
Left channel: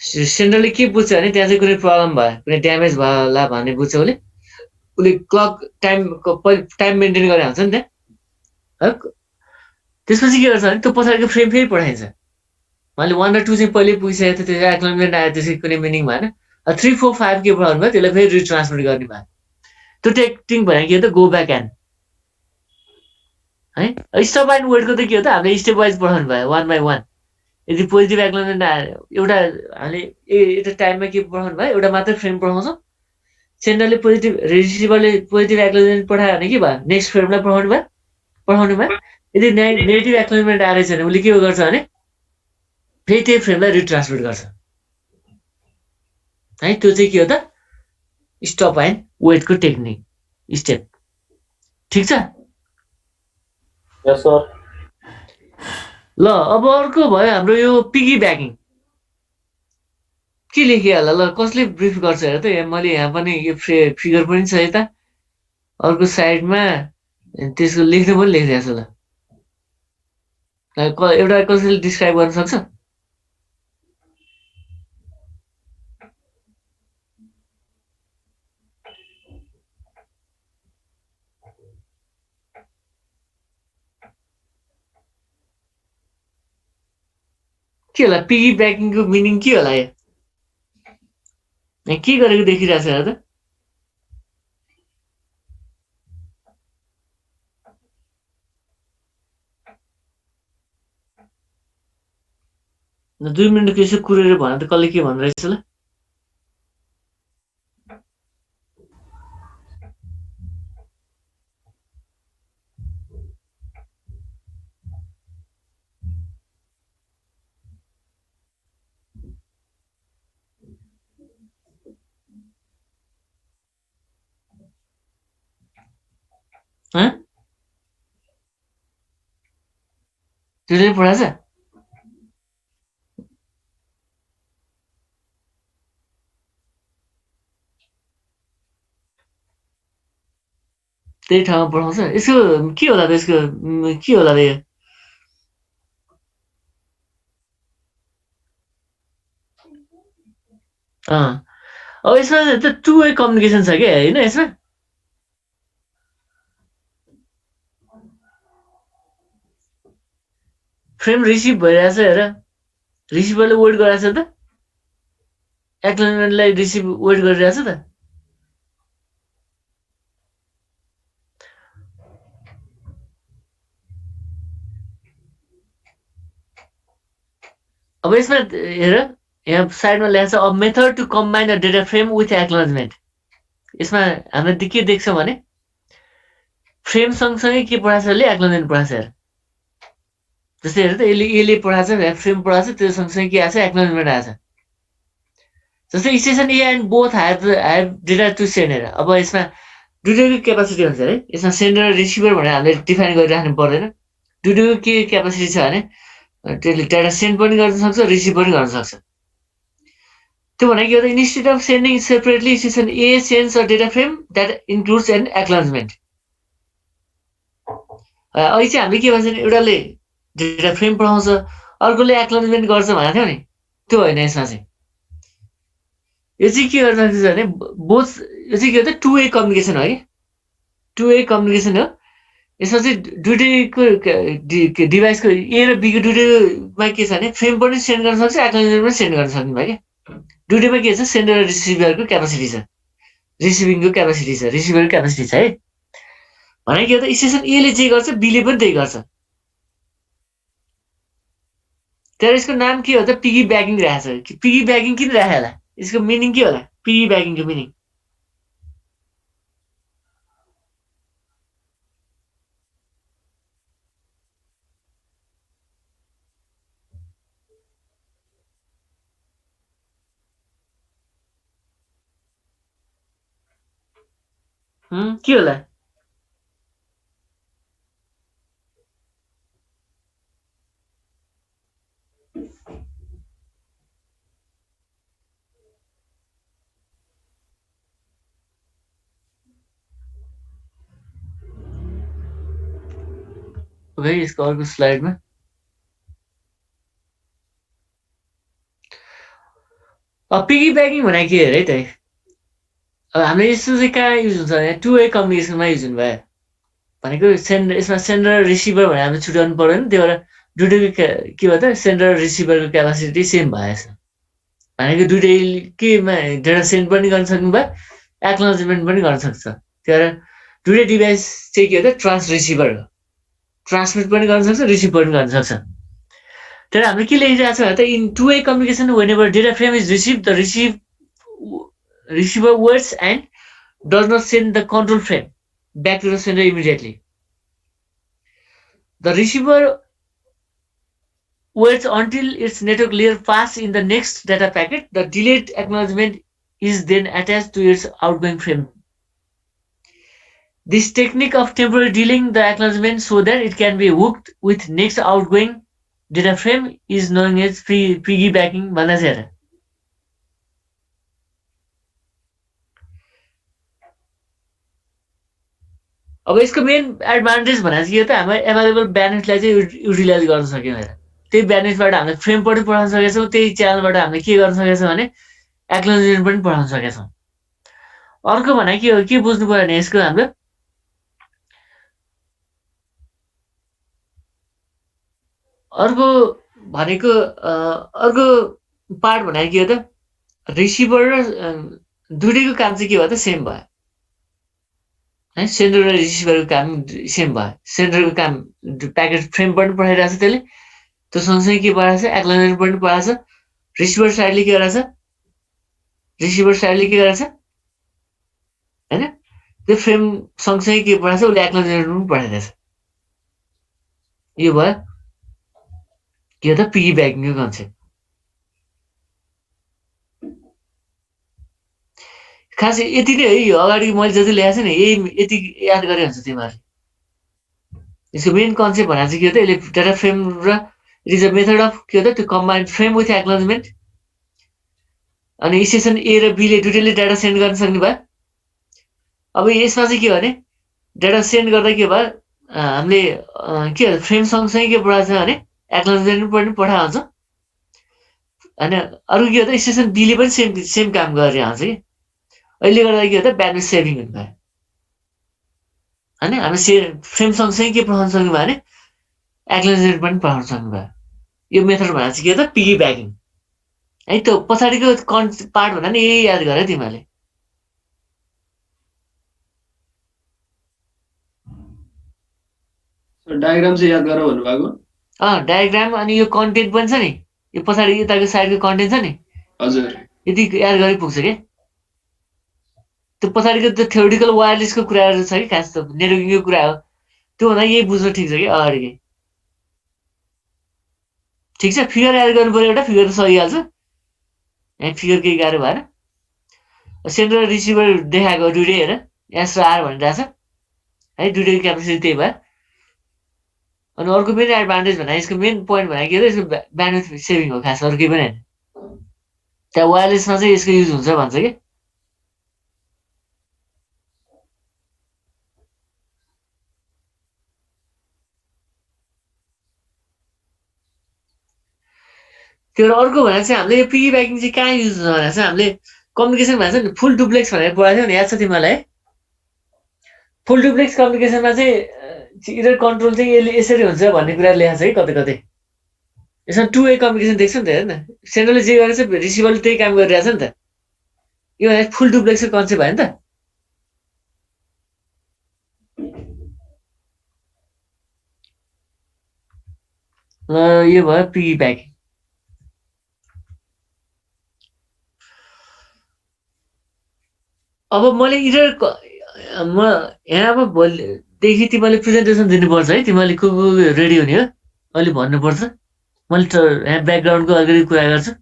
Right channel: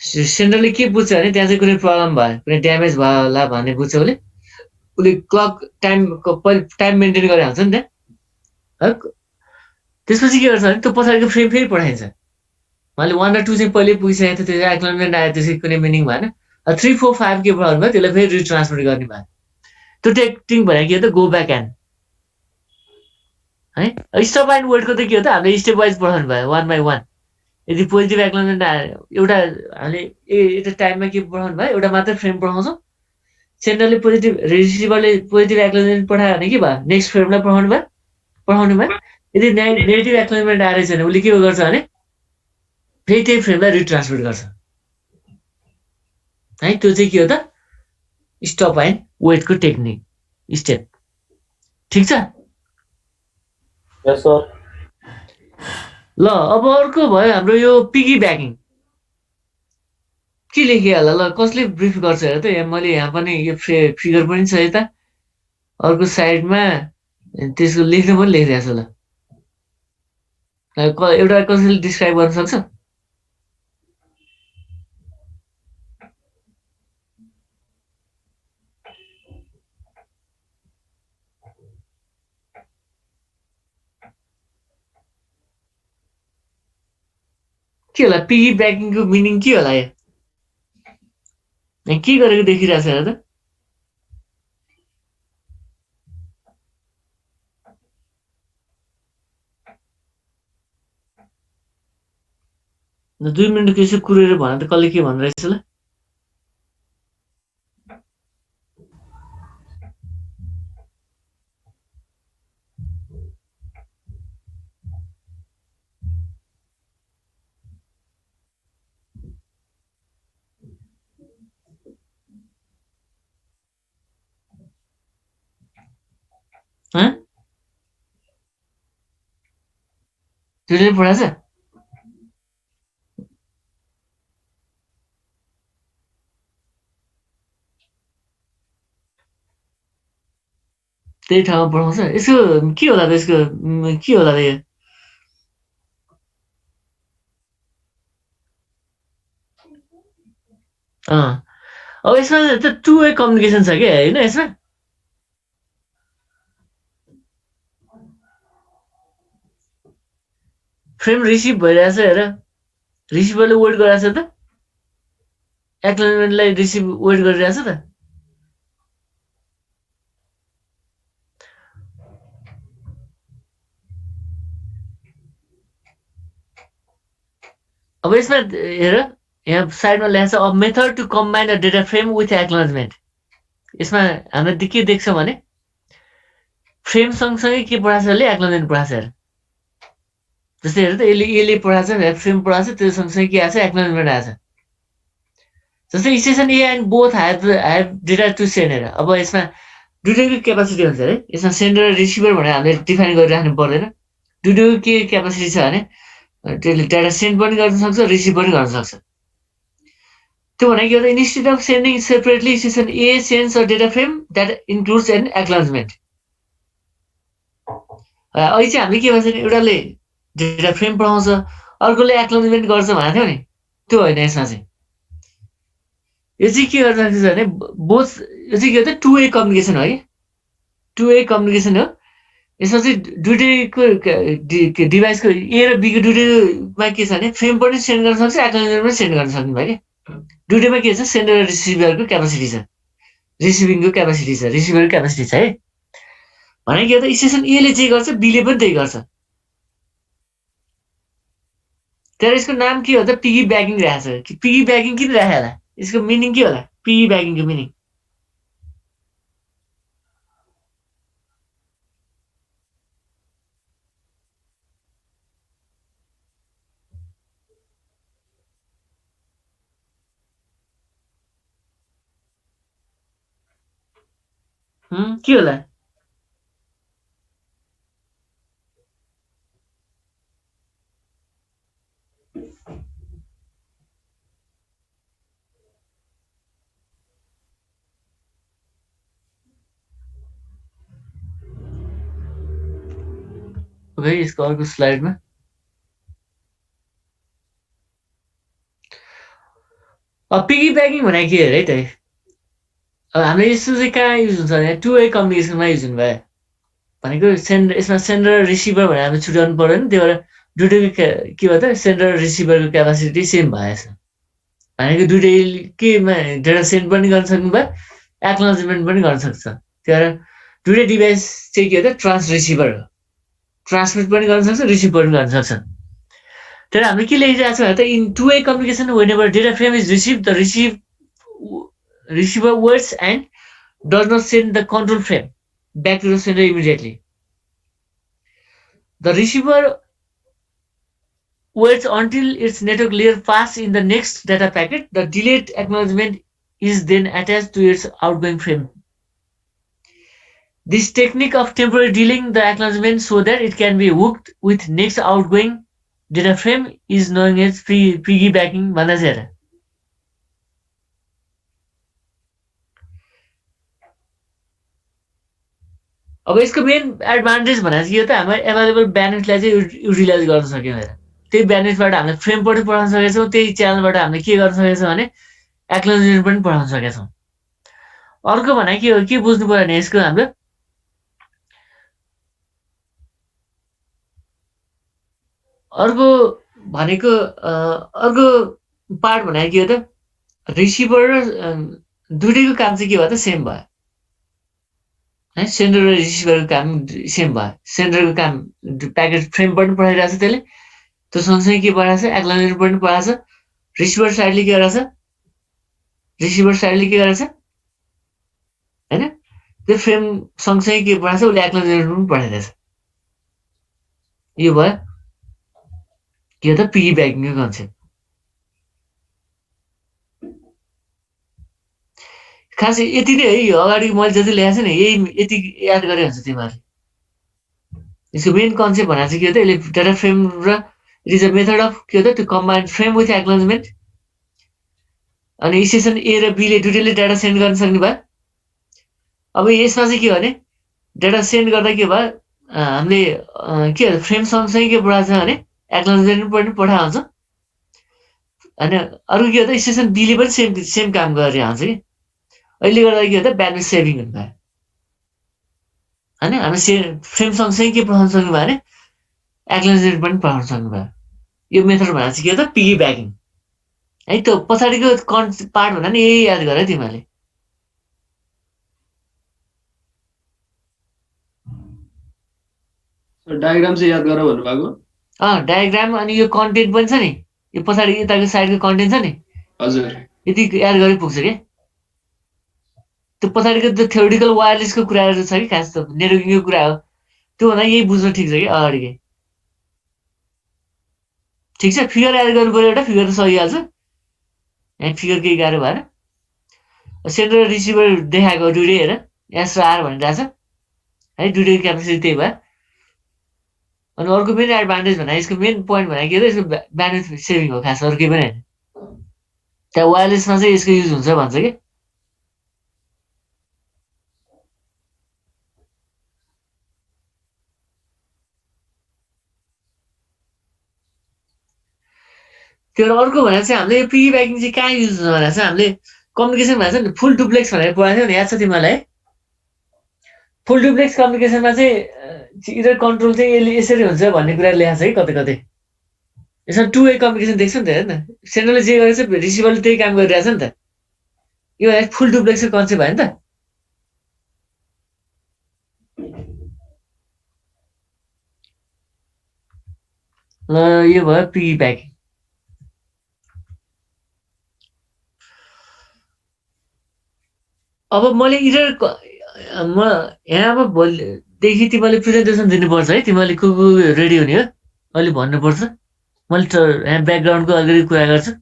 सेन्डरले के बुझ्छ भने त्यहाँ चाहिँ कुनै प्रब्लम भयो कुनै ड्यामेज भयो होला भन्ने बुझ्छ उसले क्लक टाइम मेन्टेन गरेर हाल्छ नि त्यहाँ त्यसपछि के गर्छ भने त्यो पछाडिको फ्रेम फेरि पठाइन्छ मैले 1 र 2 चाहिँ पहिले पुगिसकेको थियो त्यो एक्नोलेजमेन्ट आयो त्यसै कुनै मिनिङ भएन 3 4 5 के पठाउनु भयो त्यसलाई फेरि रिट्रान्समिट गर्ने भयो त्यो टेक्निक भनेको के हो त गो ब्याक एन्ड है स्टप एन्ड वेटको त के हो त हामीले स्टेप वाइज पठाउनु भयो 1 बाई 1 यदि पोजिटिभ एक्नोलेजमेन्ट एउटा हामीले एउटा टाइममा के पठाउनु भयो एउटा मात्रै फ्रेम पठाउँछौँ सेन्डरले पोजिटिभ रिसिभरले पोजिटिभ एक्नोलेजमेन्ट पठायो भने के भयो नेक्स्ट फ्रेमलाई पठाउनु भयो यदि नेगेटिभ एक्नोलेजमेन्ट आएछ भने उसले के गर्छ भने फेरि त्यही फ्रेमलाई रिट्रान्समिट गर्छ है त्यो चाहिँ के हो त स्टप एन्ड वेटको टेक्निक स्टेप ठिक छ यस सर ल अब अर्को भयो हाम्रो यो पिगी ब्याकिङ के लेखेँ होला ल कसले ब्रिफ गर्छ हेर त यहाँ मैले यहाँ पनि यो फिगर पनि छ यता अर्को साइडमा त्यसको लेख्नु पनि लेखिरहेको छु ल एउटा कसैले डिस्क्राइब गर्न सक्छ के होला पिगी ब्याकिङको मिनिङ के होला यहाँ के गरेको देखिरहेको छ हेर त ल 2 मिनट यसो कुरेर भन त कसले के भनिरहेछ ल त्यसले पढाएछ त्यही ठाउँमा पढाउँछ यसको के होला त यसको के होला त यो अब यसमा त 2 वे कम्युनिकेसन छ क्या होइन यसमा फ्रेम रिसिभ भइरहेछ हेर रिसिभरले वेट गरिरहेछ त एक्नोलेजमेन्टलाई रिसिभ वेट गरिरहेछ त अब यसमा हेर यहाँ साइडमा लेखेको छ a method to combine a data frame with acknowledgement. यसमा हामीले के देख्छौँ भने फ्रेम सँगसँगै के पढाएको छ यसले एक्नोलेजमेन्ट पढाएको छ हेर। जस्तै हेर त यसले पढाएको छ फ्रेम पढाएको छ त्यो सँगसँगै के आएको छ एक्नोलेजमेन्ट आएको छ। जस्तै station A and both have data to send हेर। अब यसमा दुइटैको क्यापासिटी हुन्छ है। यसमा सेन्डर र रिसिभर भनेर हामीले डिफाइन गरिराख्नु पर्दैन। दुइटैको के क्यापासिटी छ भने त्यसले डेटा सेन्ड पनि गर्न सक्छ रिसिभ पनि गर्न सक्छ। त्यो भनेको के हो त instead of sending separately station A sends a data frame that includes an acknowledgement. अहिले चाहिँ हामीले के भन्छ भने एउटाले डेटा फ्रेम पढाउँछ अर्कोले एक्नोलेजमेन्ट गर्छ भनेको थियो नि त्यो होइन। यसमा चाहिँ यो चाहिँ के गर्न सक्छ भने बोथ यो चाहिँ के हो त टु वे कम्युनिकेसन हो कि टु वे कम्युनिकेसन हो। यसमा चाहिँ दुइटैको डिभाइसको ए र बीको दुइटैमा के छ भने फ्रेम पनि सेन्ड गर्न सक्छ एक्नोलेजमेन्ट पनि सेन्ड गर्न सक्ने भयो कि दुइटैमा के छ सेन्डर र रिसिभरको क्यापासिटी छ रिसिभिङको क्यापासिटी छ रिसिभरको क्यापासिटी छ है। भनेको के हो त स्टेसन एले जे गर्छ बीले पनि त्यही गर्छ। तर यसको नाम के हो त पिगी ब्याकिङ राखेको छ। पिगी ब्याकिङ किन राखे होला यसको मिनिङ के होला पिगी ब्याकिङको मिनिङ? के होला? ओके यसको अर्को स्लाइडमा पिगी ब्याकिङ भनेको के अरे है त? अब हामीले यस्तो चाहिँ कहाँ युज हुन्छ भने टु वे कम्युनिकेसनमा युज हुनुभयो भनेको यसमा सेन्डर र रिसिभर भनेर हामीले छुट्याउनु पर्दैन। त्यही भएर दुइटैको के भयो त सेन्डर र रिसिभरको क्यापासिटी सेम भएछ भनेको दुइटै केमा डेटा सेन्ड पनि गर्न सक्नुभयो एक्नोलेजमेन्ट पनि गर्न सक्छ। त्यही भएर दुइटै डिभाइस चाहिँ के हो त ट्रान्स रिसिभर हो ट्रान्समिट पनि गर्न सक्छ रिसिभ पनि गर्न सक्छ। तर हामीले के लेखिरहेको छ भने त in two way communication whenever data frame is receive the receiver words and does not send the control frame back to the sender immediately. The receiver waits until its network layer passes in the next data packet. The delayed acknowledgement is then attached to its outgoing frame. This technique of temporarily delaying the acknowledgement so that it can be hooked with next outgoing data frame is known as piggybacking भन्दा चाहिँ अब यसको main advantage भनेको चाहिँ यो त हाम्रो available ब्यान्डविड्थलाई चाहिँ युटिलाइज गर्न सक्यौँ हेर। त्यही ब्यान्डविड्थबाट हामीले फ्रेम पनि पढाउन सकेका छौँ त्यही च्यानलबाट हामीले के गर्न सकेका छौँ भने एक्नोलेजमेन्ट पनि पढाउन सकेका छौँ। अर्को भनेको के हो के बुझ्नु पर्यो भने यसको हाम्रो अर्को भनेको अर्को पार्ट भनेको के हो त रिसिभर र दुइटैको काम चाहिँ के भयो त सेम भयो है। सेन्डर र रिसिभरको काम सेम भयो। सेन्डरको काम प्याकेट फ्रेम पनि पठाइरहेको छ त्यसले त्यो सँगसँगै के पढाएको छ एक्नोलेजमेन्ट पनि पढाएको छ। रिसिभर साइडले के गरेको छ रिसिभर साइडले के गरेको छ होइन त्यो फ्रेम सँगसँगै के पढाएको छ उसले एक्नोलेजमेन्ट पनि पठाइरहेछ। यो भयो के हो त पिगी ब्याकिङको कन्सेप्ट। खास यति नै है यो अगाडि मैले जति लेखाएको छु नि यही यति याद गरे हुन्छ तिमीहरूले। यसको मेन कन्सेप्ट भनेको चाहिँ के हो त यसले डेटा फ्रेम र it is a method of के हो त त्यो कम्बाइन्ड फ्रेम विथ एक्नोलेजमेन्ट। अनि स्टेसन ए र बीले दुइटैले डेटा सेन्ड गर्न सक्ने भयो। अब यसमा चाहिँ के हो भने डेटा सेन्ड गर्दा के भयो हामीले के हो फ्रेम सँगसँगै के पढाएको छ भने एक्नोलेजमेन्ट पनि पठाएको हुन्छ। अनि अरू के हो त स्टेसन बीले पनि सेम काम गरेर आउँछ कि अहिले गर्दा के हो त ब्यान्डविड्थ सेभिङ हुनु भयो होइन। हामी फ्रेम सँगसँगै के पठाउन सक्नु भयो भने एक्नोलेजमेन्ट पनि पठाउन सक्नु भयो। यो मेथड भनेको चाहिँ के हो त पिगी ब्याकिङ है। त्यो पछाडिको पार्ट भन्दा नि यही याद गर तिमीहरूले। डायग्राम चाहिँ याद गर भन्नुभएको डायग्राम अनि यो कन्टेन्ट पनि छ नि यो पछाडि यताको साइडको कन्टेन्ट छ नि हजुर यति एड गरे पुग्छ के त्यो पछाडिको त्यो थ्योरिटिकल वायरलेसको कुराहरू छ कि खास त नेटवर्किङको कुरा हो त्यो भन्दा यही बुझ्नु ठिक छ कि अगाडिकै ठिक छ फिगर एड गर्नु पर्यो एउटा फिगर त सकिहाल्छ यहाँ फिगर केही गाह्रो भएन सेन्डर र रिसिभर देखाएको दुइटै हेर एस र आर भनिरहेछ है दुइटैको क्यापेसिटी त्यही भयो अनि अर्को मेन एडभान्टेज भन्दा यसको मेन पोइन्ट भनेको के हो यसको ब्यान्डविड्थ सेभिङ हो खास अरू केही पनि होइन त्यहाँ वायरलेसमा चाहिँ यसको युज हुन्छ भन्छ कि त्यो अर्को भनेर चाहिँ हामीले यो पिगी ब्याकिङ चाहिँ कहाँ युज हुन्छ भनेर चाहिँ हामीले कम्युनिकेसन भनेर चाहिँ फुल डुप्लेक्स भनेर पढाएको थियो नि याद छ तिमीलाई फुल डुप्लेक्स कम्युनिकेसनमा चाहिँ इधर कन्ट्रोल चाहिँ यसरी हुन्छ भन्ने कुरा लेखाएको छ कि कतै कतै यसमा 2 वे कम्युनिकेसन देख्छ नि त हेर्न सेन्डरले जे गरेछ रिसिभरले त्यही काम गरिरहेछ नि त यो फुल डुप्लेक्सको कन्सेप्ट भयो नि त ल यो भयो पिगी ब्याकिङ अब मैले इरर म यहाँ अब भोलिदेखि तिमीले प्रेजेन्टेसन दिनुपर्छ है तिमीले को रेडी हुने हो अहिले भन्नुपर्छ मैले यहाँ ब्याकग्राउन्डको अलिकति कुरा गर्छु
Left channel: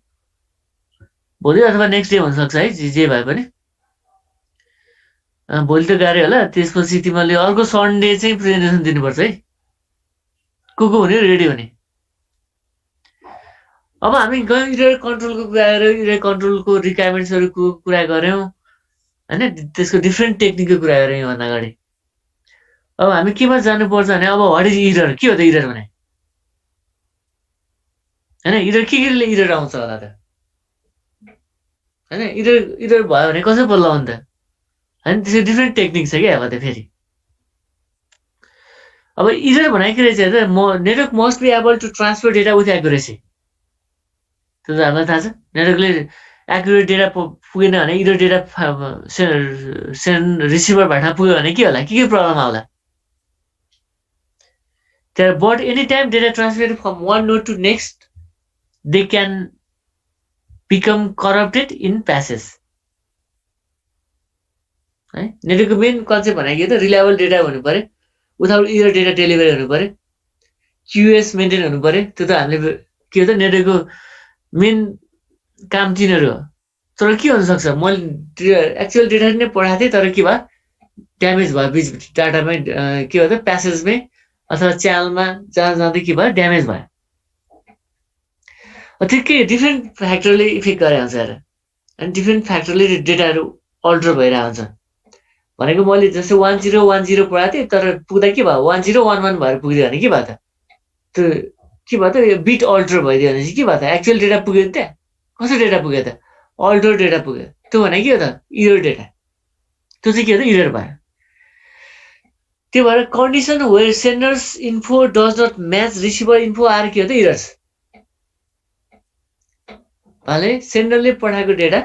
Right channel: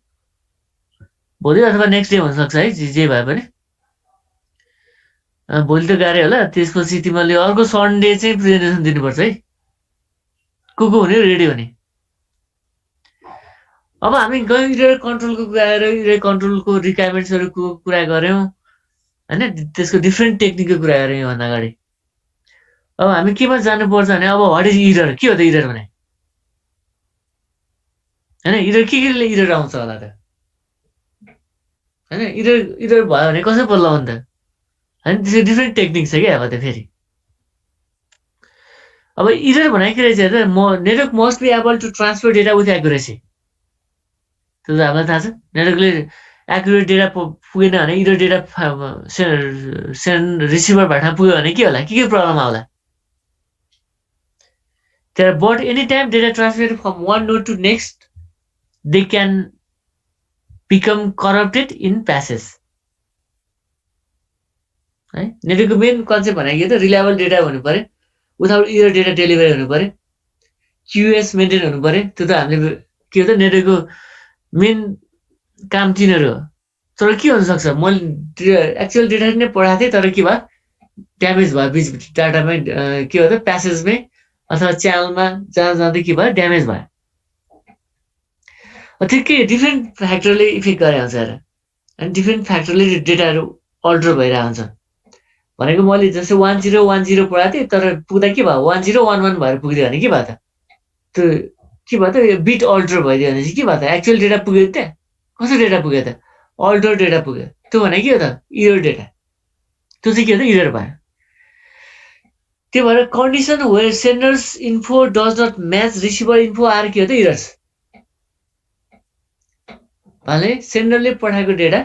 भोलि अथवा नेक्स्ट डे हुनसक्छ है जे भए पनि भोलि त गाह्रै होला त्यसपछि तिमीले अर्को सन्डे चाहिँ प्रेजेन्टेसन दिनुपर्छ है को हुने रेडी हुने अब हामी गयौँ इरर कन्ट्रोलको कुरा गऱ्यौँ इरर कन्ट्रोलको रिक्वायरमेन्ट्सहरूको कुरा गऱ्यौँ होइन त्यसको डिफ्रेन्ट टेक्निकको कुरा गऱ्यौँ योभन्दा अगाडि अब हामी केमा जानुपर्छ भने अब वाट इज इरर के हो त इरर भने होइन इरर केले इरर आउँछ होला त होइन इरर भयो भने कसो पल्ला हो नि त होइन त्यसको डिफ्रेन्ट टेक्निक छ क्या अब त्यो फेरि अब इरर भनेको के रहेछ त network must be able to transfer data with accuracy त्यो त हामीलाई थाहा छ नेटवर्कले एक्युरेट डेटा पुगेन भने इरर डेटा रिसिभर भाटमा पुग्यो भने के होला के प्रब्लम आउला त्यहाँ but any time data transfer from one node to next they can become corrupted in passage है नेटवर्कको मेन कन्सेप्ट भनेको त रिलायबल डेटा हुनु पर्यो विदाउट इरर डेटा डेलिभरी हुनु पर्यो क्युएस मेन्टेन हुनु पर्यो त्यो त हामीले के हो त नेटवर्कको मेन काम तिनीहरू हो तर के हुनसक्छ मैले एक्चुअल डेटा नै पढाएको थिएँ तर के भयो ड्यामेज भयो बिच डाटामै के हो त प्यासेजमै अथवा च्यानलमा जाँदै के भयो ड्यामेज भयो त्यो के डिफ्रेन्ट फ्याक्टरले इफेक्ट गरे हुन्छ हेर अनि डिफ्रेन्ट फ्याक्टरले डेटाहरू अल्टर भइरहेको हुन्छ भनेको मैले जस्तै 1010 पढाएको थिएँ तर पुग्दा के भयो 1011 भएर पुगिदियो भने के भयो त त्यो के भयो त यो बिट अल्टर भइदियो भने चाहिँ के भयो त एक्चुअल डेटा पुग्यो त्यहाँ कस्तो डेटा पुग्यो त अल्टर डेटा पुग्यो त्यो भने के हो त इरर डेटा त्यो चाहिँ के हो त इरर भयो त्यो भएर condition where sender's info does not match receiver info are के हो त इरर्स भने सेन्डरले पठाएको डेटा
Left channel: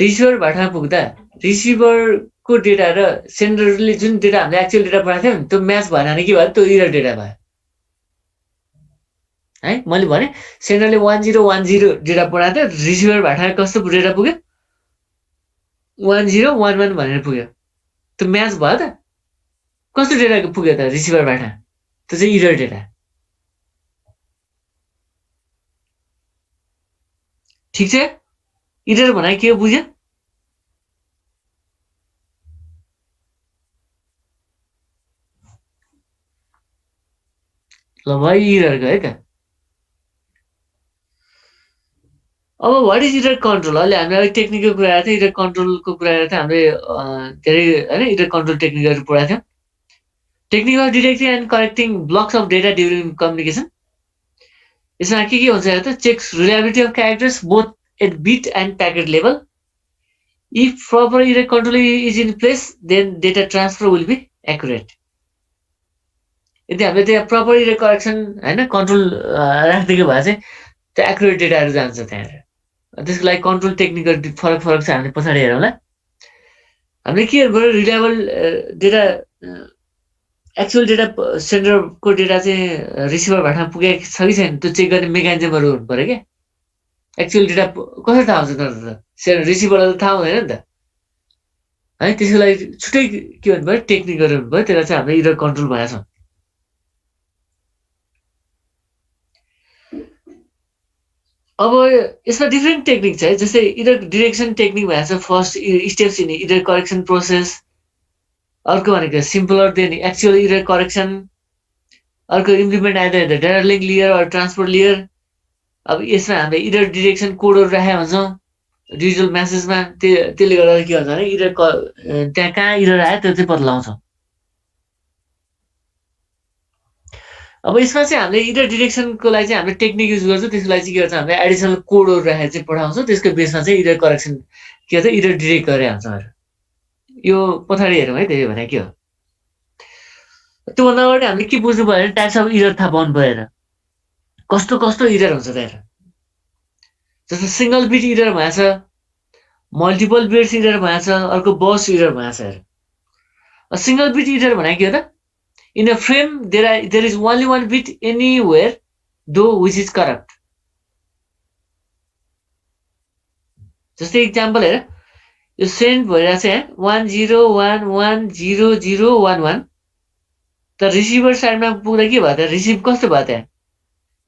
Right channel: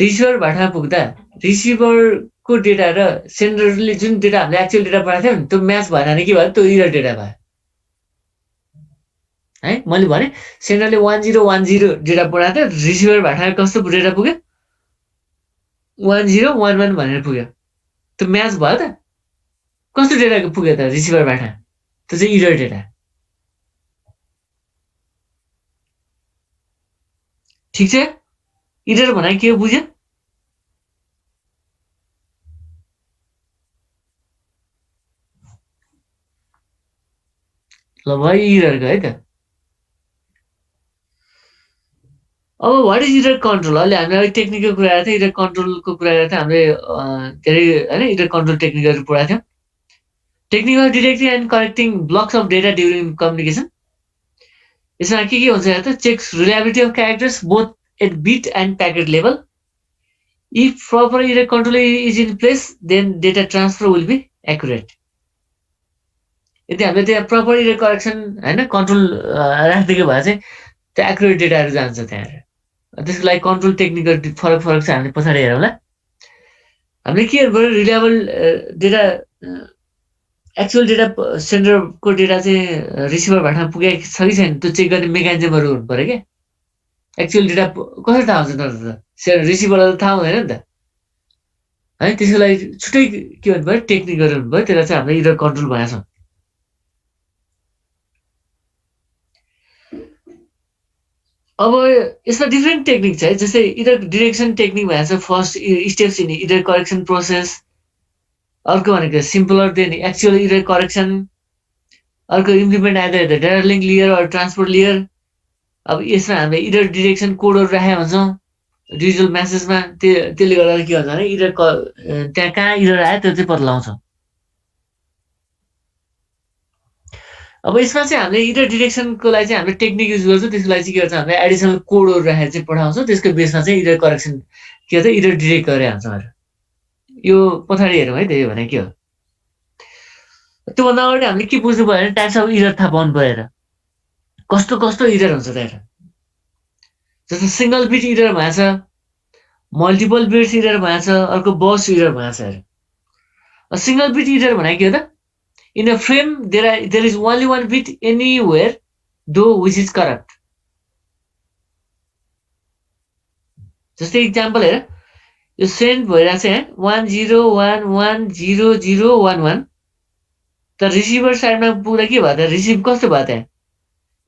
रिसिभर भाटमा पुग्दा रिसिभरको डेटा र सेन्डरले जुन डेटा हामीले एक्चुअल डेटा पठाएको थियौँ नि त्यो म्याच भएन भने के भयो त्यो इरर डेटा भयो है मैले भने सेन्डरले 1010 डेटा पठाएको थियो रिसिभर भाटमा कस्तो डेटा पुग्यो 1011 भनेर पुग्यो त्यो म्याच भयो त कस्तो डेटा पुग्यो त रिसिभर भाटमा त्यो चाहिँ इरर डेटा ठिक छ इरर भनेको के हो बुझ्यो ल भयो इररको है त अब वाट इज इरर कन्ट्रोल अहिले हामीले अलिक टेक्निकल कुरा गरेको थियौँ इरर कन्ट्रोलको कुरा गरेको थियौँ हामीले धेरै होइन इरर कन्ट्रोल टेक्निकहरू पढाएको थियौँ technical detecting and correcting blocks of data during communication यसमा के हुन्छ त checks reliability of characters both at bit and packet level if proper error control is in place then data transfer will be accurate यदि हामीले त्यहाँ proper error correction होइन control राखिदिएको भए चाहिँ त्यो एक्युरेट डेटाहरू जान्छ त्यहाँ त्यसको लागि कन्ट्रोल टेक्निकल फरक छ हामीले पछाडि हेरौँला हामीले के गर्नु रिलायबल डेटा एक्चुअल डेटा सेन्डरको डेटा चाहिँ रिसिभर भाटमा पुगेको छ कि छैन त्यो चेक गर्ने मेकानिजमहरू हुनु पऱ्यो क्या एक्चुअल डेटा कसरी थाहा हुन्छ त रिसिभरलाई थाहा हुँदैन नि त है त्यसको लागि छुट्टै के भन्नुभयो टेक्निकहरू हुनुभयो त्यसलाई चाहिँ हामीले इरर कन्ट्रोल भनेको छौँ अब यसमा डिफ्रेन्ट टेक्निक छ है जस्तै इरर डिरेक्सन टेक्निक भनेको छ first steps in error correction process अर्को भनेको simpler than actual error correction अर्को implement either the data link layer or transport layer अब यसमा हामीले इरर डिरेक्सन कोडहरू राखेका हुन्छौँ डिजिटल म्यासेजमा त्यसले गर्दा के हुन्छ भने इरर त्यहाँ कहाँ इरर आयो त्यो चाहिँ पत्ता लगाउँछौँ अब यसमा चाहिँ हामीले इरर डिरेक्सनको लागि चाहिँ हामीले टेक्निक युज गर्छौँ त्यसको लागि चाहिँ के गर्छ हामीले एडिसनल कोडहरू राखेर चाहिँ पठाउँछौँ त्यसको बेसमा चाहिँ इरर करेक्सन के भन्छ इरर डिरेक्ट गरेर हुन्छौँ यो पछाडि हेरौँ है त्यही भने के हो त्योभन्दा अगाडि हामीले के बुझ्नु पऱ्यो भने टाइप्स अफ इरर थाहा पाउनु पऱ्यो कस्तो कस्तो इरर हुन्छ त्यहाँ जस्तो सिङ्गल बिट इरर भएको छ मल्टिपल बिट्स इरर भएको छ अर्को बस इरर भएको छ सिङ्गल बिट इरर भनेको के हो त in a frame there is only one bit anywhere though which is corrupt जस्तै इक्जाम्पल हेर यो सेन्ड भइरहेको छ यहाँ 10110011 तर रिसिभर साइडमा पुग्दा के भयो त रिसिभ कस्तो भयो त्यहाँ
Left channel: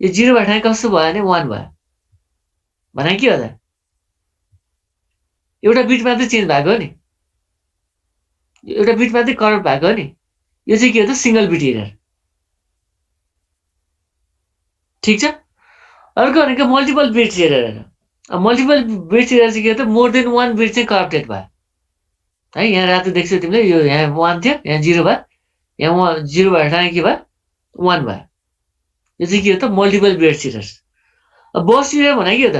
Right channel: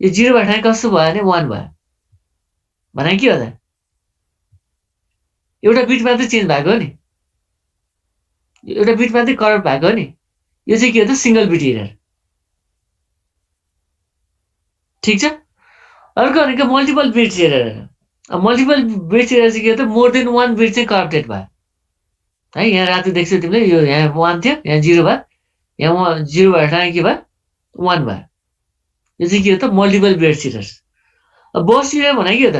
यो 0 भएको ठाउँ कस्तो भयो भने 1 भयो भने के हो त एउटा बिट मात्रै चेन्ज भएको हो नि एउटा बिट मात्रै करप्ट भएको हो नि यो चाहिँ के हो त सिङ्गल बिट इरर ठिक छ अर्को भनेको multiple bits error multiple bits error चाहिँ के हो त मोर देन वान बिट चाहिँ करप्टेड भयो है यहाँ रातो देख्छौ तिमीले यो यहाँ 1 थियो यहाँ 0 भयो यहाँ 0 भएको ठाउँ के भयो 1 भयो यो चाहिँ के हो त मल्टिपल बिट्स इरर अब बस इरर भनेको के हो त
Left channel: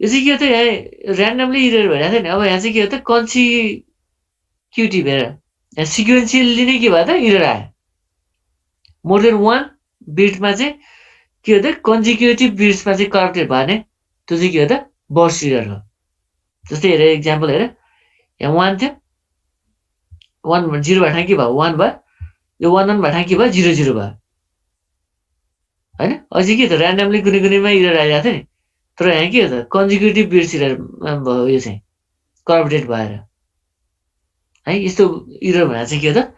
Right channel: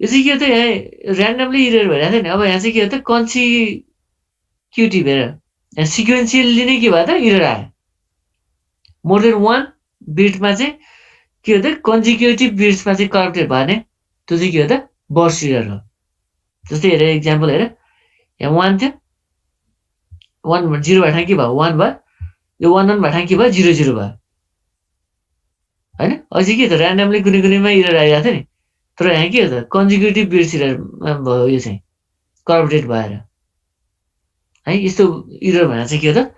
यो चाहिँ के हो त यहाँ ऱ्यान्डमली इरर भइरहेको थियो नि अब यहाँ चाहिँ के हो त कन्सिक्युटिभ हेर यहाँ सिक्वेन्सियली नै के भयो त इरर आयो मोर देन वान बिटमा चाहिँ के हो त कन्जिक्युटिभ बिट्समा चाहिँ करप्टेड भयो भने त्यो चाहिँ के हो त बर्स्ट इरर हो जस्तै हेर इक्जाम्पल हेर यहाँ 1 थियो 1 0 भएको ठाउँ के भयो 1 भयो यो 1 1 भएको ठाउँ के भयो 0 0 भयो होइन अझै के त ऱ्यान्डमली कुनै कुनैमा इरर आइरहेको थियो नि तर यहाँ के हो त कन्जिक्युटिभ बिट्स इरर भयो यो चाहिँ करप्टेड भएर है यस्तो इरर भनेर चाहिँ के हो त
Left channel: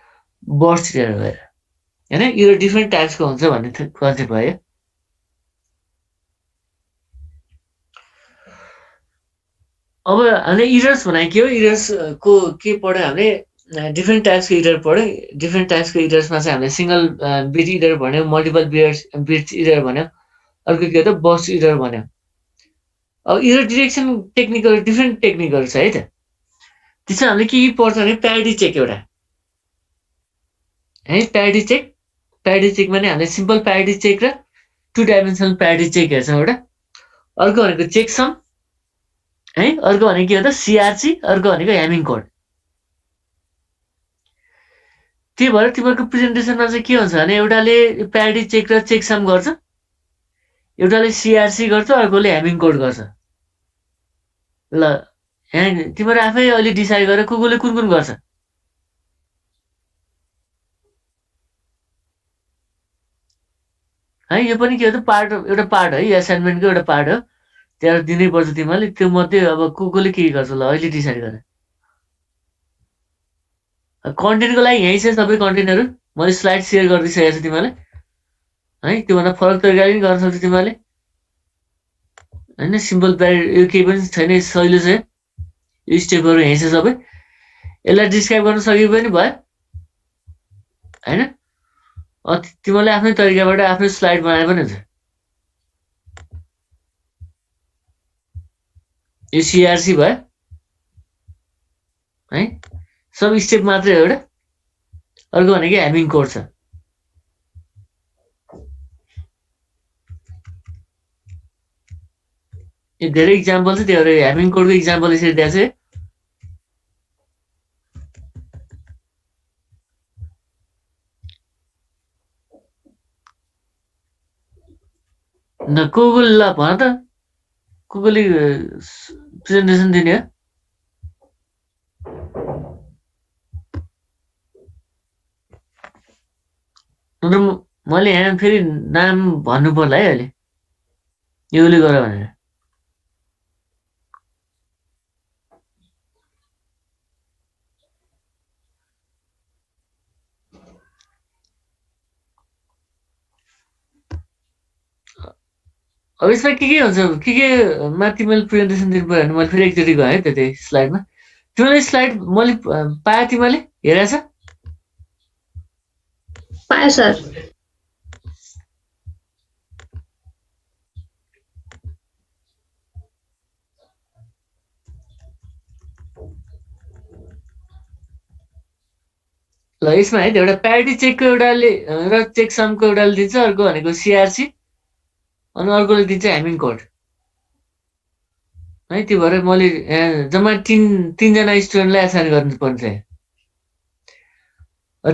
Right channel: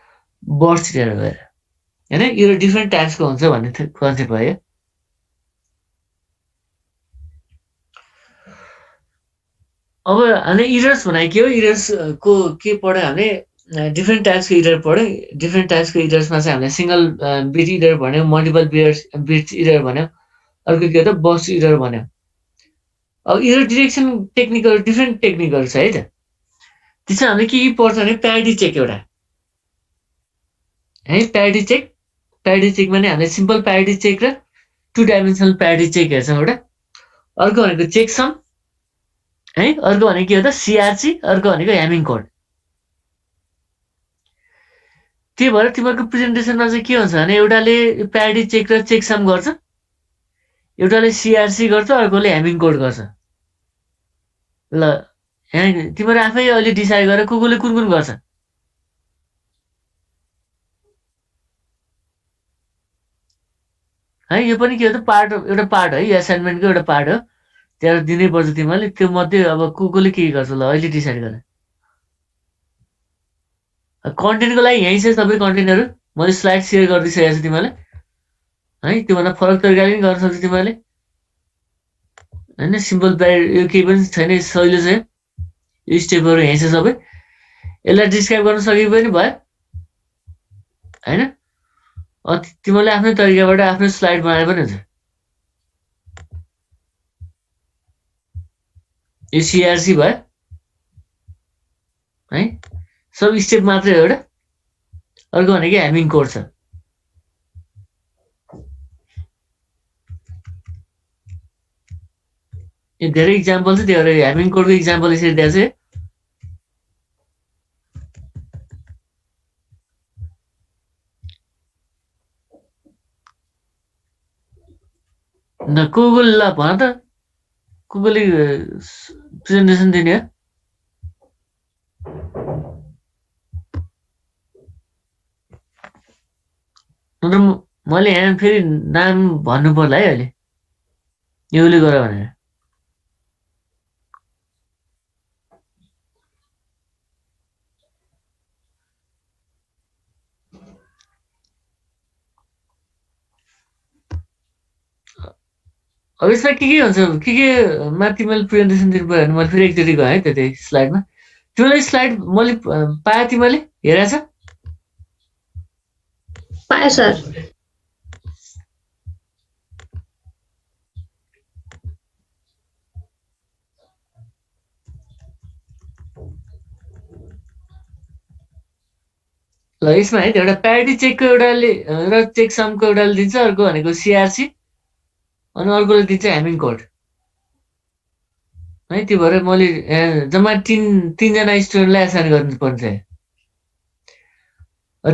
बर्स्ट इरर भएर होइन इरर डिफ्रेन्ट टाइप्सको हुन्छ भन्ने कन्सेप्ट भयो अब हामीले इरर्स भनेको के हो इरर्सको के पढ्यो हामीले डिफ्रेन्ट टाइप्सको इरर पढ्यो डिफ्रेन्ट टाइप्सको इरर्समा चाहिँ हामीले सिङ्गल बिट इरर भन्यो मल्टिपल बिट्स इरर भन्यो अर्को के हो त बर्स्ट इरर भन्यो अब इरर डिरेक्सन टेक्निकहरू डिफ्रेन्ट टेक्निकहरू छ है त त्यसमा हामीले के पर्छ भने प्यारिटी चेक एउटा है प्यारिटी चेकमा नै हामीले सिम्पल प्यारिटी चेक र 2 डाइमेन्सनल प्यारिटी चेक हेर्छौँ एउटा अर्को भनेको चेकसम है अर्को भनेको के हो त सिआरसी अर्को भनेको ह्यामिङ कोड त्यही भएर तिमीहरूको प्रेजेन्टेसनमा चाहिँ के हुन्छ भने एउटाले प्यारिटी चेक र चेकसम गर्छ एउटाले सिआरसी गर्छ अर्कोले ह्यामिङ कोड गर्छ ल यहाँ तिमीहरू आफै अहिले डिसाइड गरेर कुन कुन गर्छ है यो पनि के हो त एउटा पार्ट है एसाइनमेन्टको एउटा पार्ट हो त्यहाँ दिनै पर्छ तिमीहरूले त्यो मध्ये अब कसले के गर्छ ल अहिले डिसाइड गर कन्टेन्टको लागि यहीँ छ सबै कन्टेन्टहरू मैले स्लाइड सेयर गरिदिइसकेको छु तिमीलाई है त्योभन्दा फरक तरिकाले पनि गर्न सक्छौ तिमीहरूले होइन सिम्पल यो केही पनि छैन सहिलो छ यो स्टेपहरू यहीँ छ सबै यसलाई डिस्क्राइब गर्न सके पनि भयो होइन तिमीहरूले आफ्नै तरिकाबाट आफ्नै स्लाइड बनाए पनि हुन्छ यो सिआरसी भयो है सब स्टेप मात्रै हो एउटा अर्को भनेको ह्यामिङ कोड छ यो धेरै इक्जाम्पल छ त्यो ह्यामिङ कोडको इक्जाम्पल यसरी दिएको छ न को ल भन त कसले प्रेजेन्टेसन दिने हो मैले यहाँ फेरि नाम भन्नु पर्ला है अहिले योले गर भनेर अब यसमा के हुन्छ के माथि मैले प्रेजेन्टेसन दिनु पऱ्यो भने मैले फेरि एकचोटि गएँ त्यतै स्लाइडमा तिमीले स्लाइड मैले पाएँ तिमीले हेरेछ पाएँ सर ल यसमा है एउटा प्यारिटी चेकको एउटाले र चेक समको एउटाले दिन्छ अर्को भनेको सिआरसी अनि अर्कोले दिन्छ ह्यामिङ कोड है त्यो भएर मैले जम्मा तिनजना स्टुडेन्टलाई एसाइन गर्नुपर्छ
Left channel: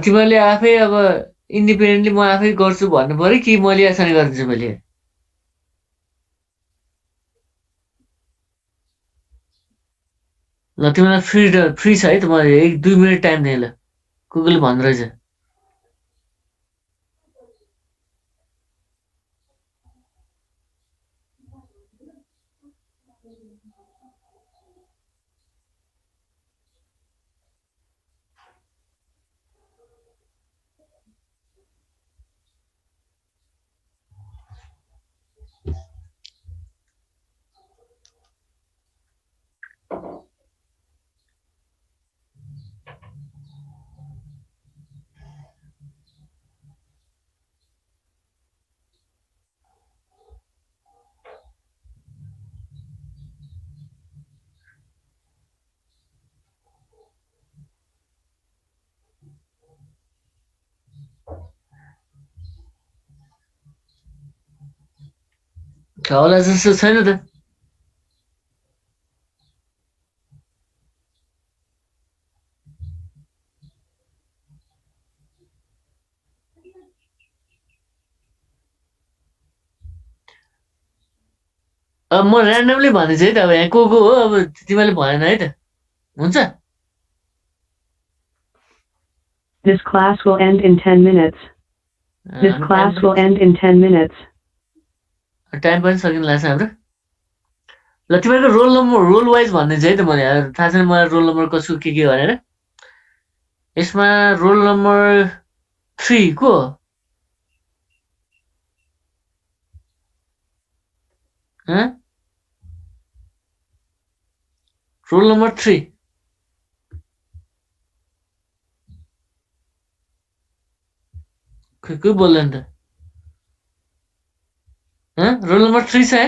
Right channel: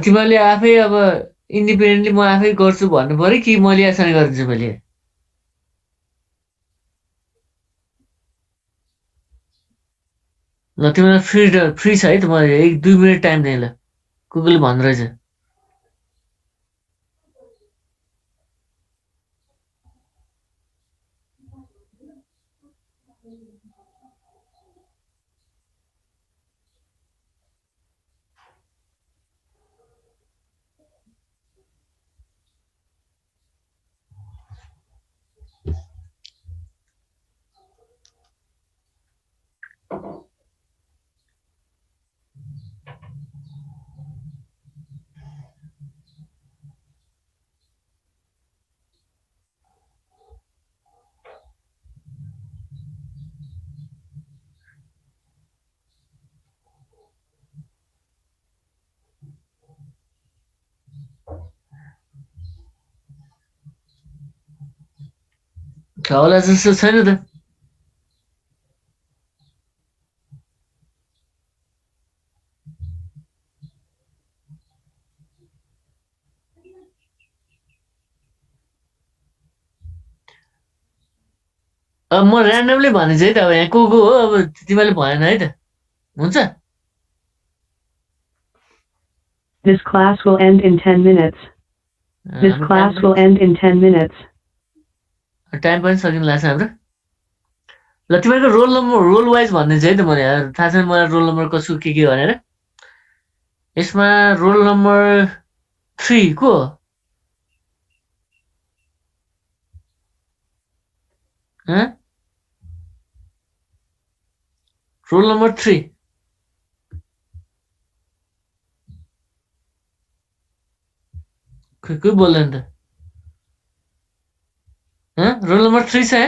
तिमीहरूले आफै अब इन्डिपेन्डेन्टली म आफै गर्छु भन्नु पऱ्यो कि मैले एसाइन गरिदिन्छु मैले ल तिमीलाई फ्री छ है त म 1-2 मिनट टाइम दिएँ ल गुगल भन्दो रहेछ होला जस्तो छैन त अब म ऱ्यान्डमली भन्दैछु है त अब यहाँ को हो अब तिमीले भएन है त हुन्छ This class will end in 10 minutes. This class will end in 10 minutes. Time पनि सकिन लाग्छ हाम्रो ल तिमीहरूको रोल नम्बर रोल वाइज भन्दैछु है त मैले थाहा छैन मलाई रोल नम्बर कसको के भनेर यसमा रोल नम्बर 3 को रोल नम्बर 3 कोही बोल्दैन त रोल नम्बर 3 छ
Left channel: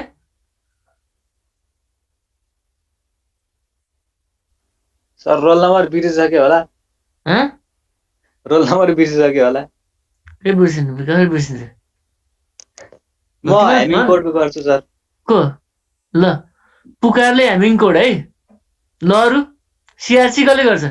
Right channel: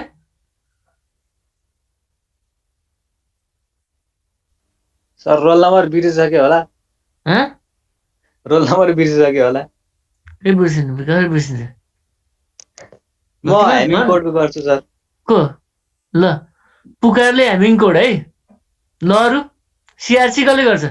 सर रोल नम्बर बिर्सिसक्यो होला रोल नम्बर बिर्सिसक्यो होला के बिर्सिनु कसरी बिर्सिन्छ म ह्यामिङ कोडको गर्छु सर को ल पुकारले ह्यामिङ कोड है ल अरू सिआरसी कसले गर्छ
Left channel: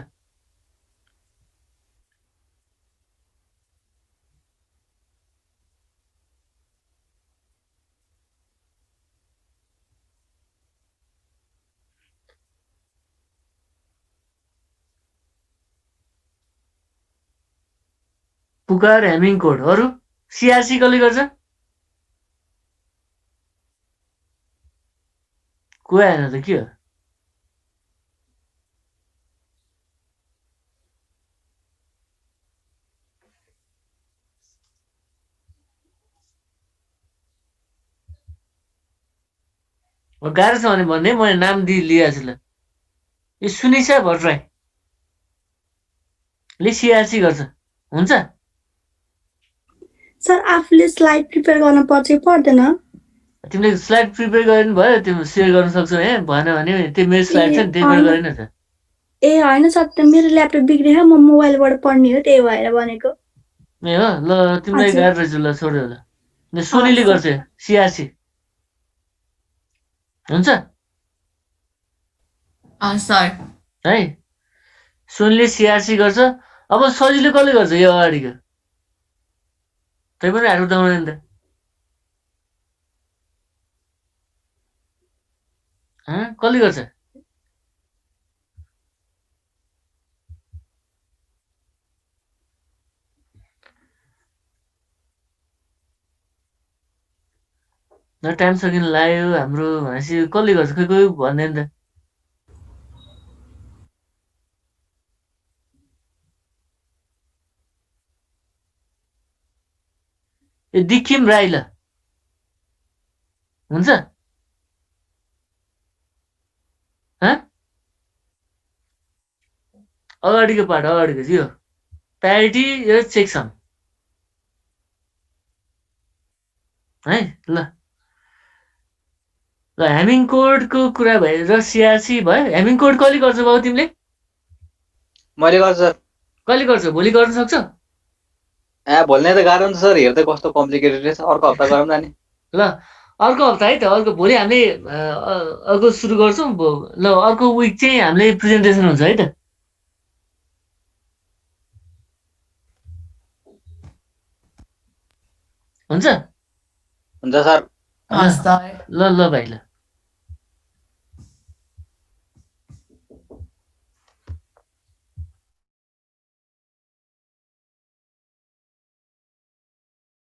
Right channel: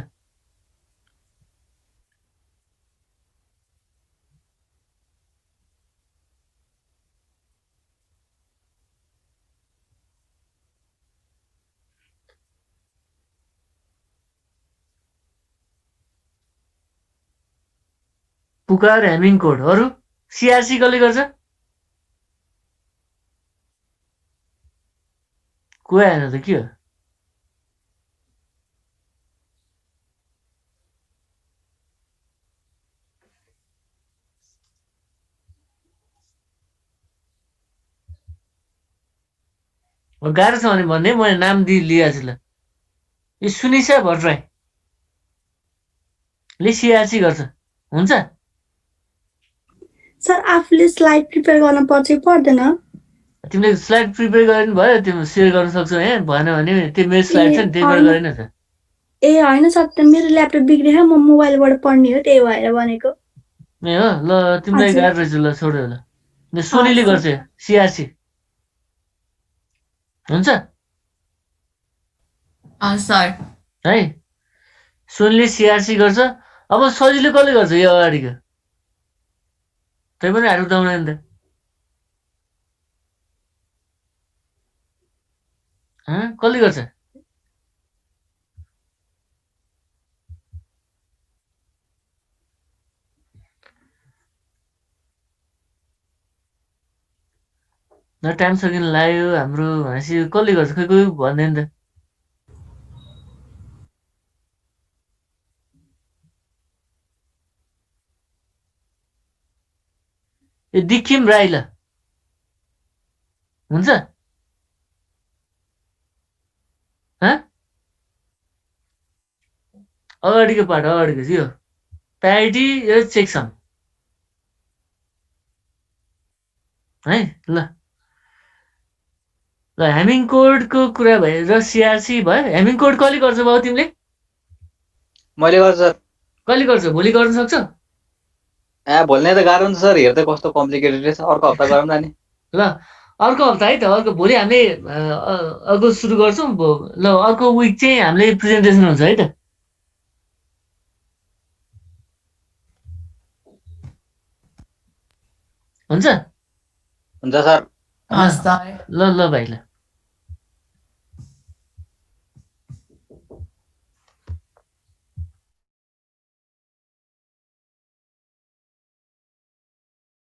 पुकार ह्यामिङ कोड अरू सिआरसी कसले गर्छ को आएन त के हो गाह्रो छ भने भन्ने मैले नाम लिएको छु ल यो सुनिसा भट्टराई ले सिआरसी गर्छ हुन्छ सर आफूले स्लाइड प्रिपेयर गर्न पर्छ कि पर्दैन तिमीले स्लाइड प्रिपेयर गरिनु भयो तिमी सेयर गर्न सक्छौ यहाँ भएन भने त्यो मेरो स्लाइड छ नि त्यहीबाट गरेन त ए होइन सर त्यो मेरो ल्यापटप बिग्रियो म मोबाइलबाट पढ्ने हो त्यही भएर भनेको ए हो ल तिमीलाई गाह्रो रहेछ ल छोड्यो ल सोनीले गर्छ सिआरसी हुन्छ सर है सोनीले सिआरसी गर्छ अब सजिलो कसले गर्छ यो अगाडिको तै पनि हात उठाउँदैन त कसले गर्छ न टाइम सकिन लाग्यो हाम्रो भनेपछि कसले गर्छ खै कोही भन्दैन त ए दिखिम राई ल हुन्छ अगाडिको पार्ट अगाडिको यो प्यारिटी र चेकसम है ल ल हेमिङ कोडको कुरा भयो र सिआरसी भयो हेमिङ कोड कहिले गर्छ बाबु तिमीले मैले गर्छु सर कहिले गर्छ भोलि गर्न सक्छौ भोलि नै त गाह्रो हुन्छ सर हेर्दै कस्तो कम्प्लिकेटेड रहेछ अर्को हप्ता गरौँ न नि ल अर्को हप्ता है त अर्को भोलि हामीले अर्को सुरु गर्छौँ ल अर्को विक चाहिँ हामीले प्रेजेन्टेसन हुन्छ है त हुन्छ हुन्छ सर हस् त ल ल भाइ ल